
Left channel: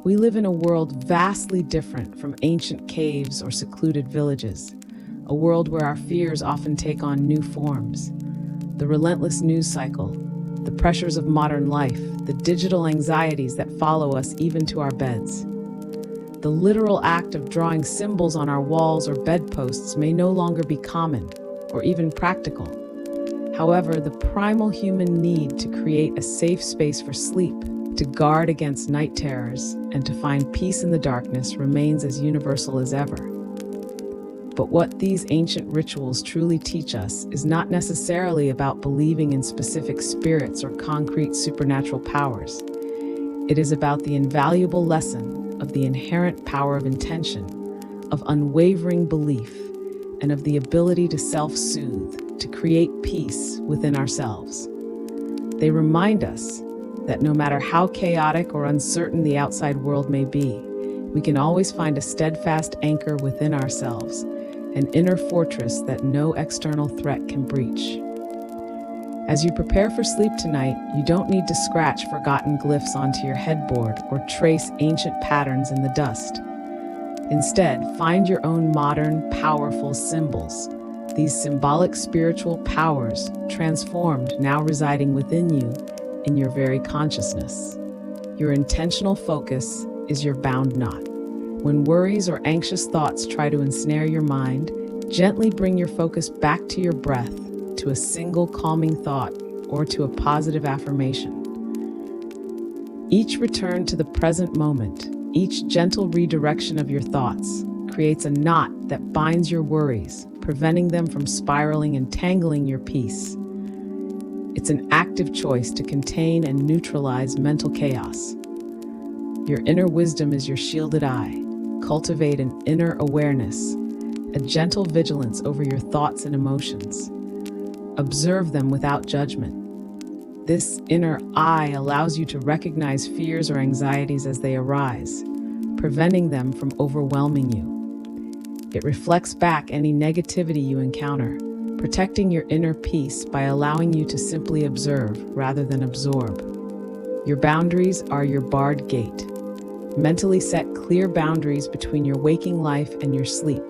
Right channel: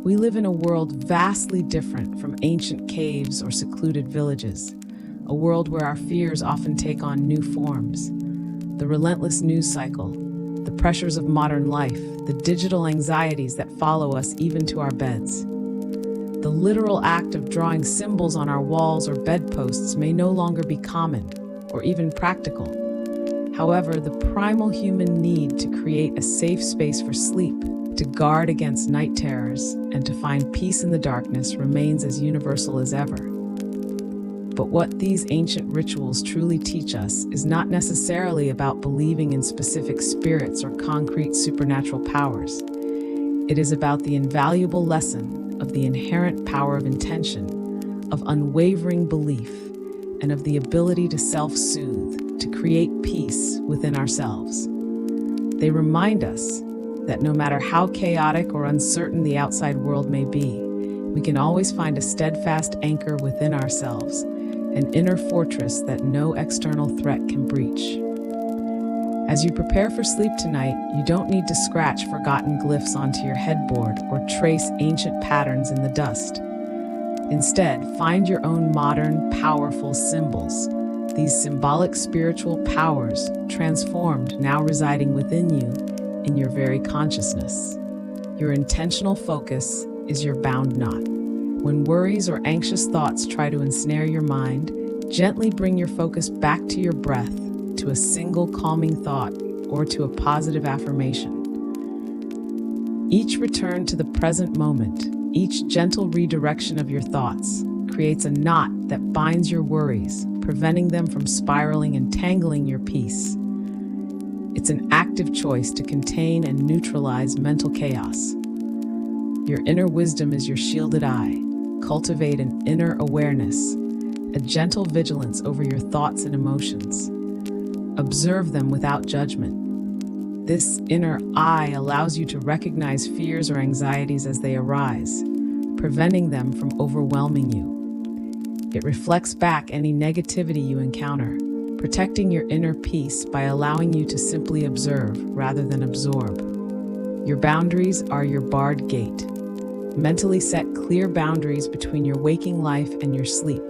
We live in a world vastly different from ancient caves or secluded villages, a world where our fears often take on new forms. The relentless news cycle, the pressures of modern life, the digital anxieties that follow us even to our beds. The literal act of drawing symbols on our walls or bedposts may no longer be common or even practical. However, the primal human need to create a safe space for sleep, to guard against night terrors, and to find peace in the darkness remains as universal as ever. But what these ancient rituals truly teach us is not necessarily about believing in specific spirits or concrete supernatural powers. It is about the invaluable lesson of the inherent power of intention, of unwavering belief, and of the ability to self-soothe, to create peace within ourselves. They remind us that no matter how chaotic or uncertain the outside world may be, we can always find a steadfast anchor within ourselves, an inner fortress that no external threat can breach. As you prepare for sleep tonight, you don't need to scratch forgotten glyphs onto your headboard or trace ancient patterns in the dust. Instead, find your own modern, powerful symbols. These symbolic spiritual powers, transformed, now residing within you, in your very consciousness. Your intentional focus is your bound knot. When worries or anxious thoughts try to ensnare your mind, gently bring your focus back to your breath, to a single calming thought, or to a positive affirmation. Each return to the present moment, each gentle redirection of your thoughts, creates a knot that binds your worries, preventing them from spiraling and tangling your peace. It's an active choice to contain and neutralize mental chaos. Your inner wisdom is your shielded eye. Cultivate an inner awareness, a gentle vigilance over your thoughts and emotions. Observe them without judgment. This inner eye allows you to recognize fears or anxieties as they arise, preventing them from overwhelming you. It reflects back any negativity you encounter, protecting your inner peace by allowing you to simply observe rather than absorb. Your boundaries are your barred gate. Mentally set clear boundaries between your waking life and your sleep.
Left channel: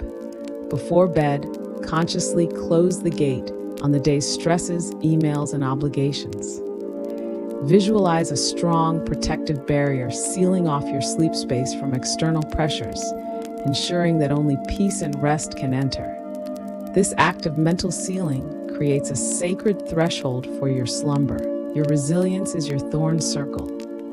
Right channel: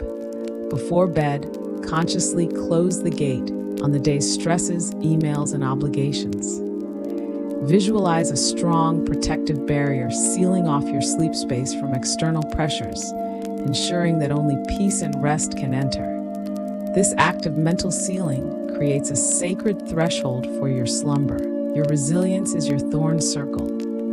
Before bed, consciously close the gate on the day's stresses, emails, and obligations. Visualize a strong, protective barrier sealing off your sleep space from external pressures, ensuring that only peace and rest can enter. This act of mental sealing creates a sacred threshold for your slumber. Your resilience is your thorn circle.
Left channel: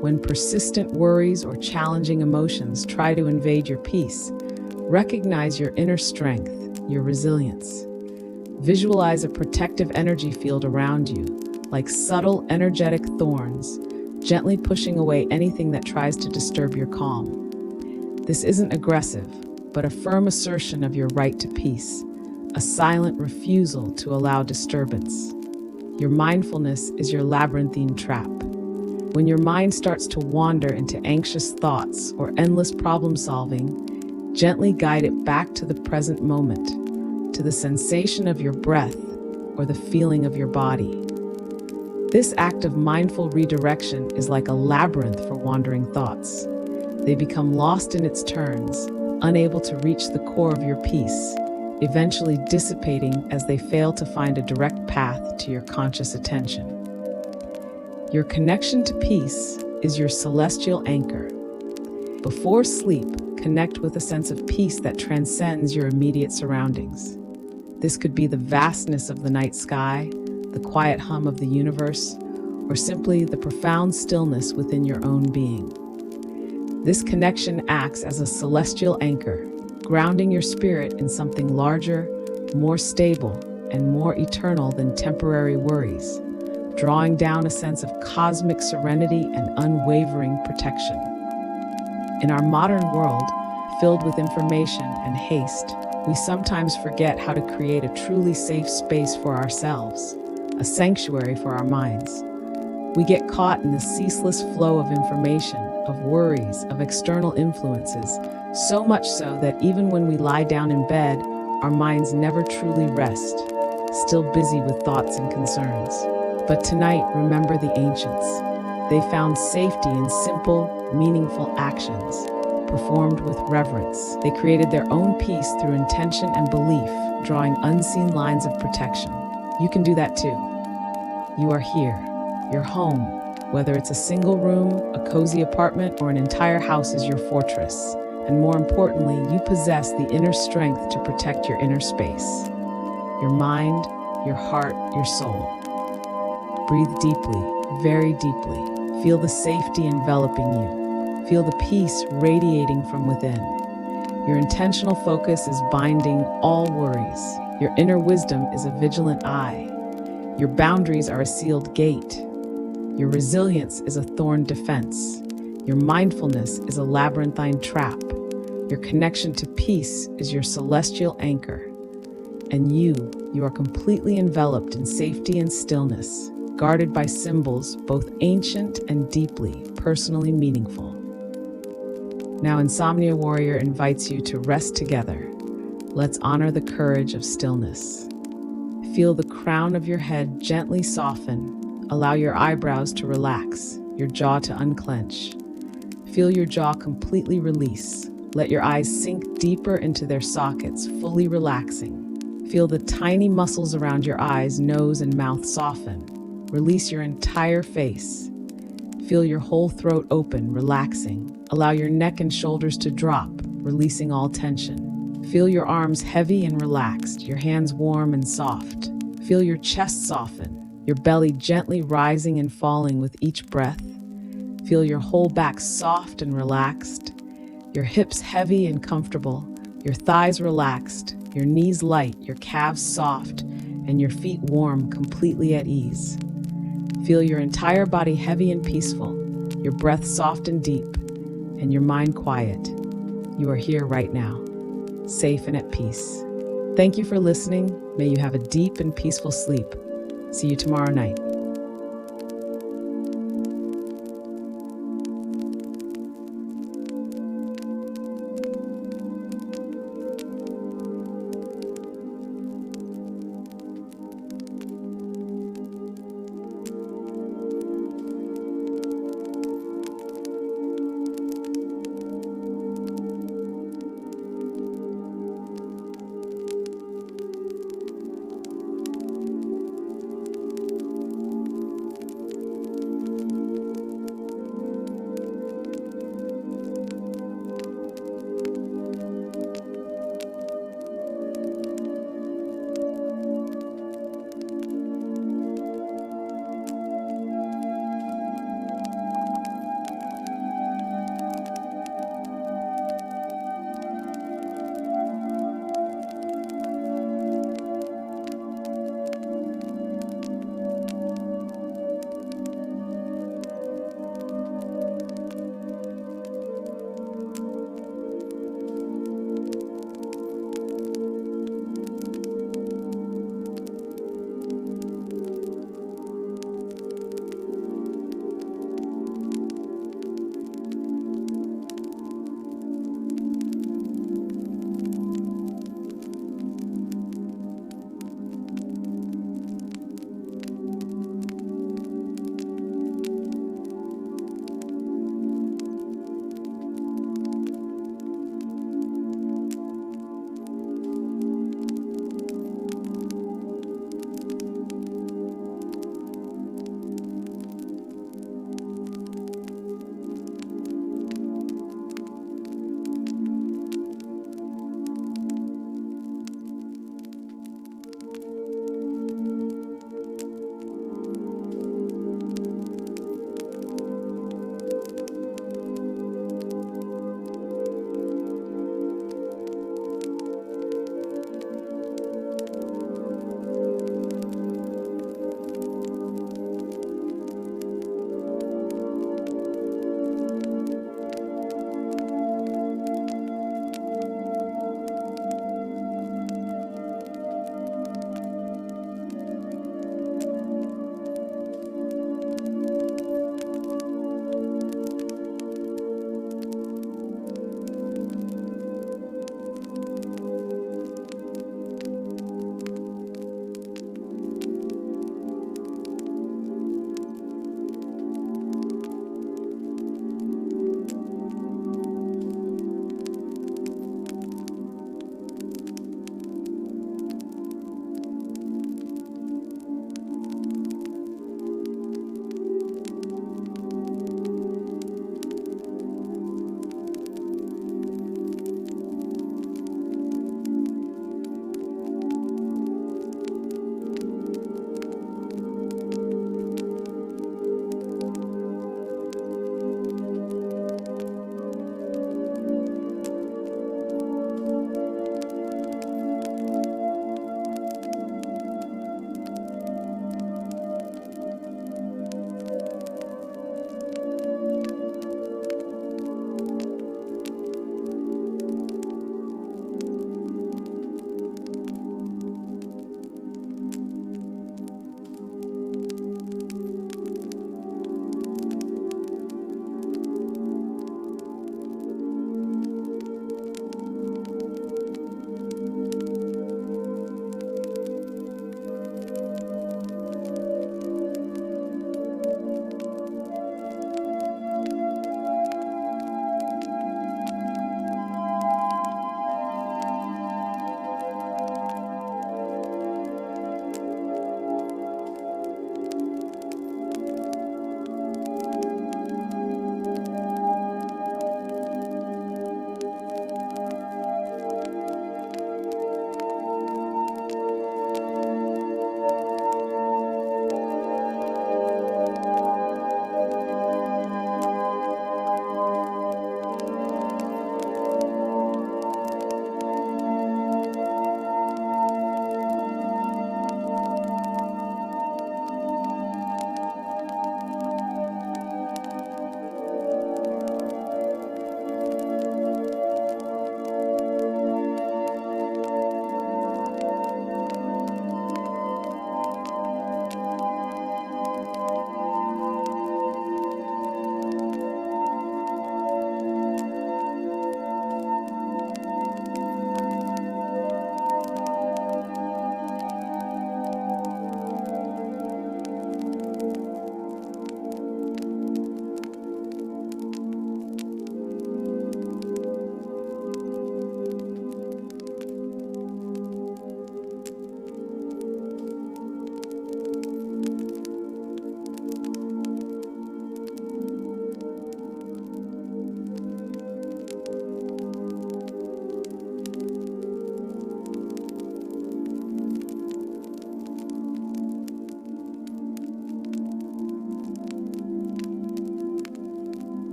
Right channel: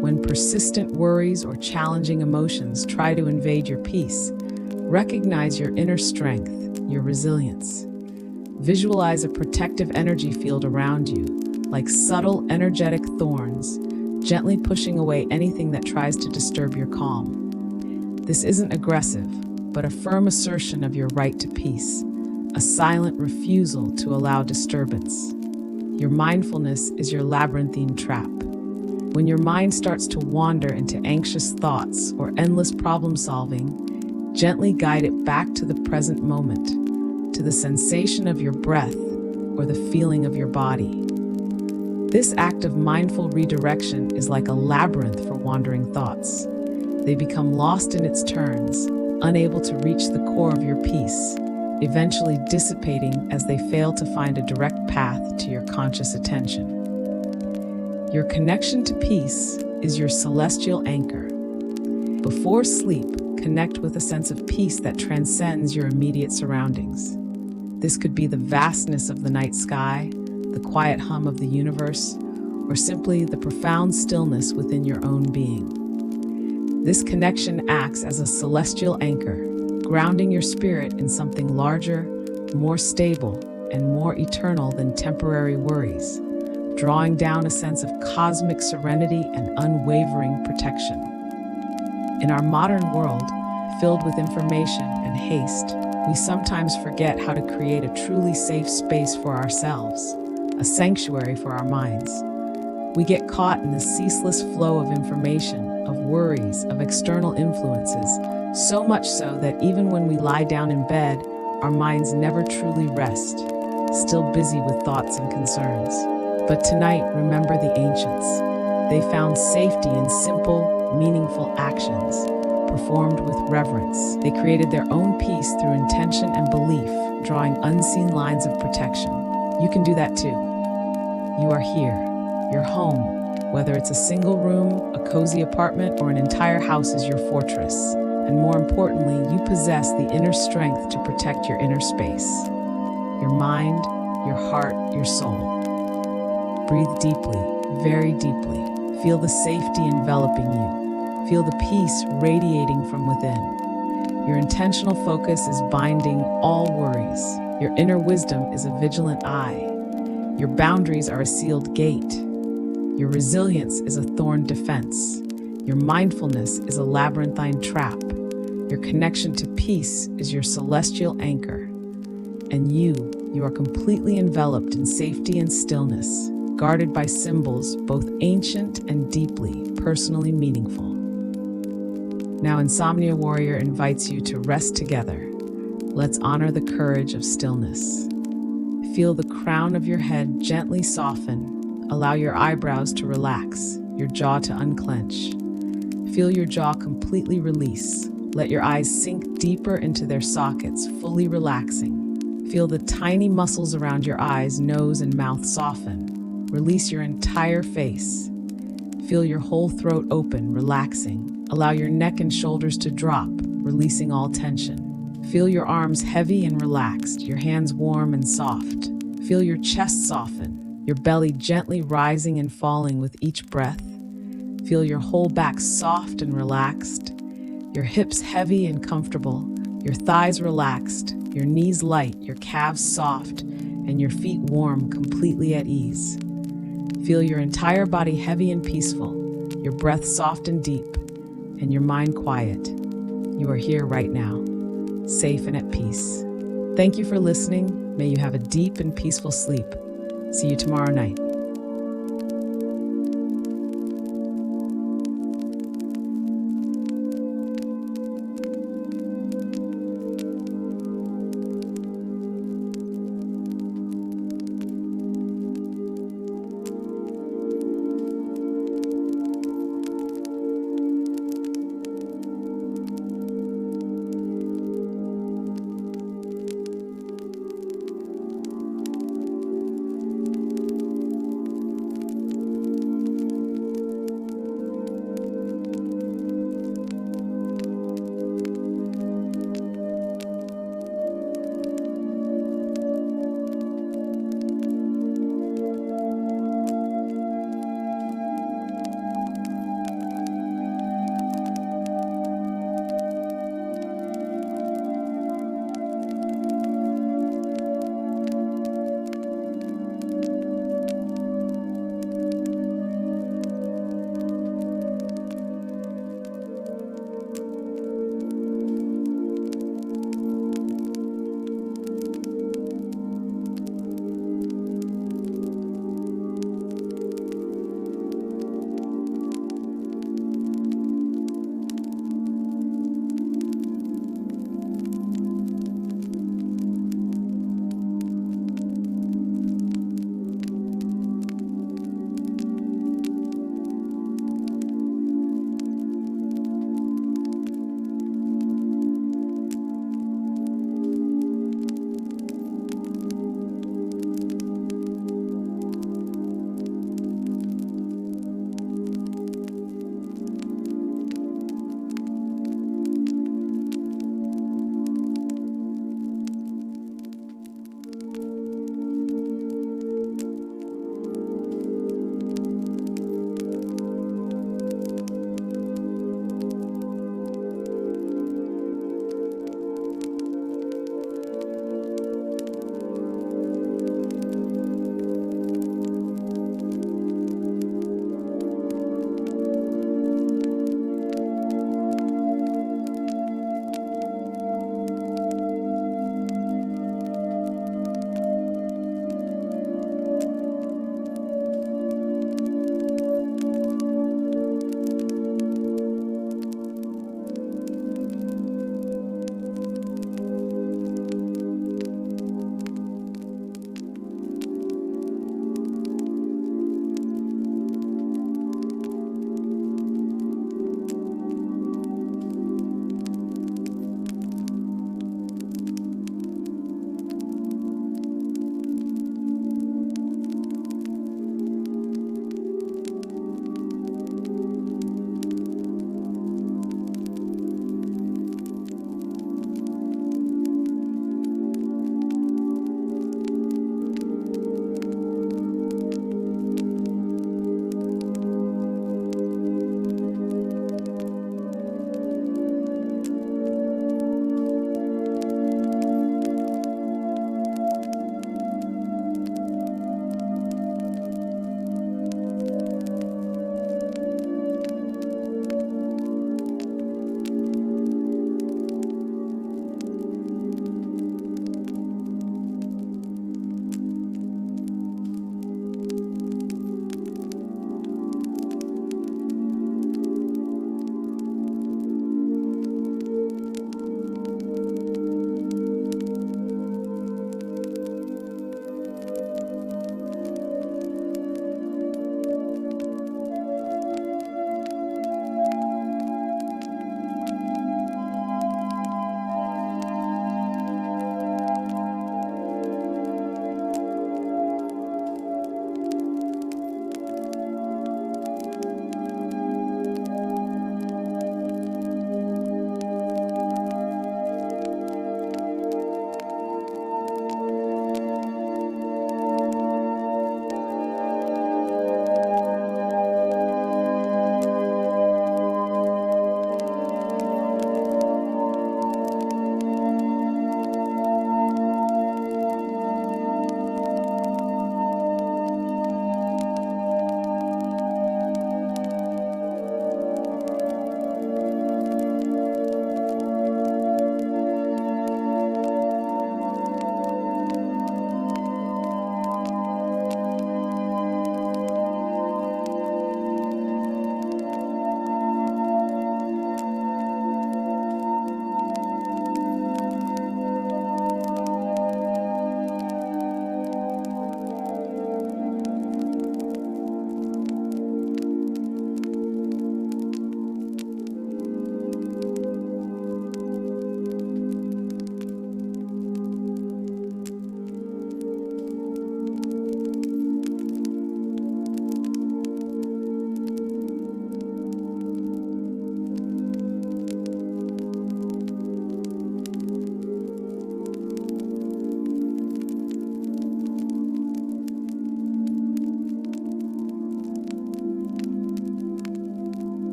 When persistent worries or challenging emotions try to invade your peace, recognize your inner strength, your resilience. Visualize a protective energy field around you, like subtle, energetic thorns, gently pushing away anything that tries to disturb your calm. This isn't aggressive, but a firm assertion of your right to peace, a silent refusal to allow disturbance. Your mindfulness is your labyrinthine trap. When your mind starts to wander into anxious thoughts or endless problem solving, gently guide it back to the present moment, to the sensation of your breath or the feeling of your body. This act of mindful redirection is like a labyrinth for wandering thoughts. They become lost in its turns, unable to reach the core of your peace, eventually dissipating as they fail to find a direct path to your conscious attention. Your connection to peace is your celestial anchor. Before sleep, connect with a sense of peace that transcends your immediate surroundings. This could be the vastness of the night sky, the quiet hum of the universe, or simply the profound stillness within your own being. This connection acts as a celestial anchor, grounding your spirit in something larger, more stable, and more eternal than temporary worries, drawing down a sense of cosmic serenity and unwavering protection. In our modern world, filled with information and haste, we sometimes forget how to create a truly safe space for ourselves, a sanctuary for our minds. We get caught in the ceaseless flow of information, of worries, of external influences, so much so that even when we lie down in bed, our minds never truly rest, still busy with thoughts and concerns. But tonight, remember the ancients. They found safety in simple, meaningful actions, performed with reverence. They created their own peace through intention and belief, drawing unseen lines of protection. You can do that too. You are here. Your home, whether it's a single room, a cozy apartment, or an entire house, is your fortress. And more importantly, you possess the inner strength to protect your inner space. Your mind, your heart, your soul. Breathe deeply, very deeply. Feel the safety enveloping you. Feel the peace radiating from within. Your intentional focus is binding all worries. Your inner wisdom is a vigilant eye. Your boundaries are a sealed gate. Your resilience is a thorn defense. Your mindfulness is a labyrinthine trap. Your connection to peace is your celestial anchor. And you are completely enveloped in safety and stillness, guarded by symbols both ancient and deeply personally meaningful. Now, Insomnia Warrior invites you to rest together. Let's honor the courage of stillness. Feel the crown of your head gently soften. Allow your eyebrows to relax, your jaw to unclench. Feel your jaw completely release. Let your eyes sink deeper into their sockets, fully relaxing. Feel the tiny muscles around your eyes, nose, and mouth soften. Release your entire face. Feel your whole throat open, relaxing. Allow your neck and shoulders to drop, releasing all tension. Feel your arms heavy and relaxed, your hands warm and soft. Feel your chest soften, your belly gently rising and falling with each breath. Feel your whole back soft and relaxed, your hips heavy and comfortable, your thighs relaxed, your knees light, your calves soft, and your feet warm, completely at ease. Feel your entire body heavy and peaceful, your breath soft and deep, and your mind quiet. You are here right now, safe and at peace. Thank you for listening. May you have a deep and peaceful sleep. See you tomorrow night.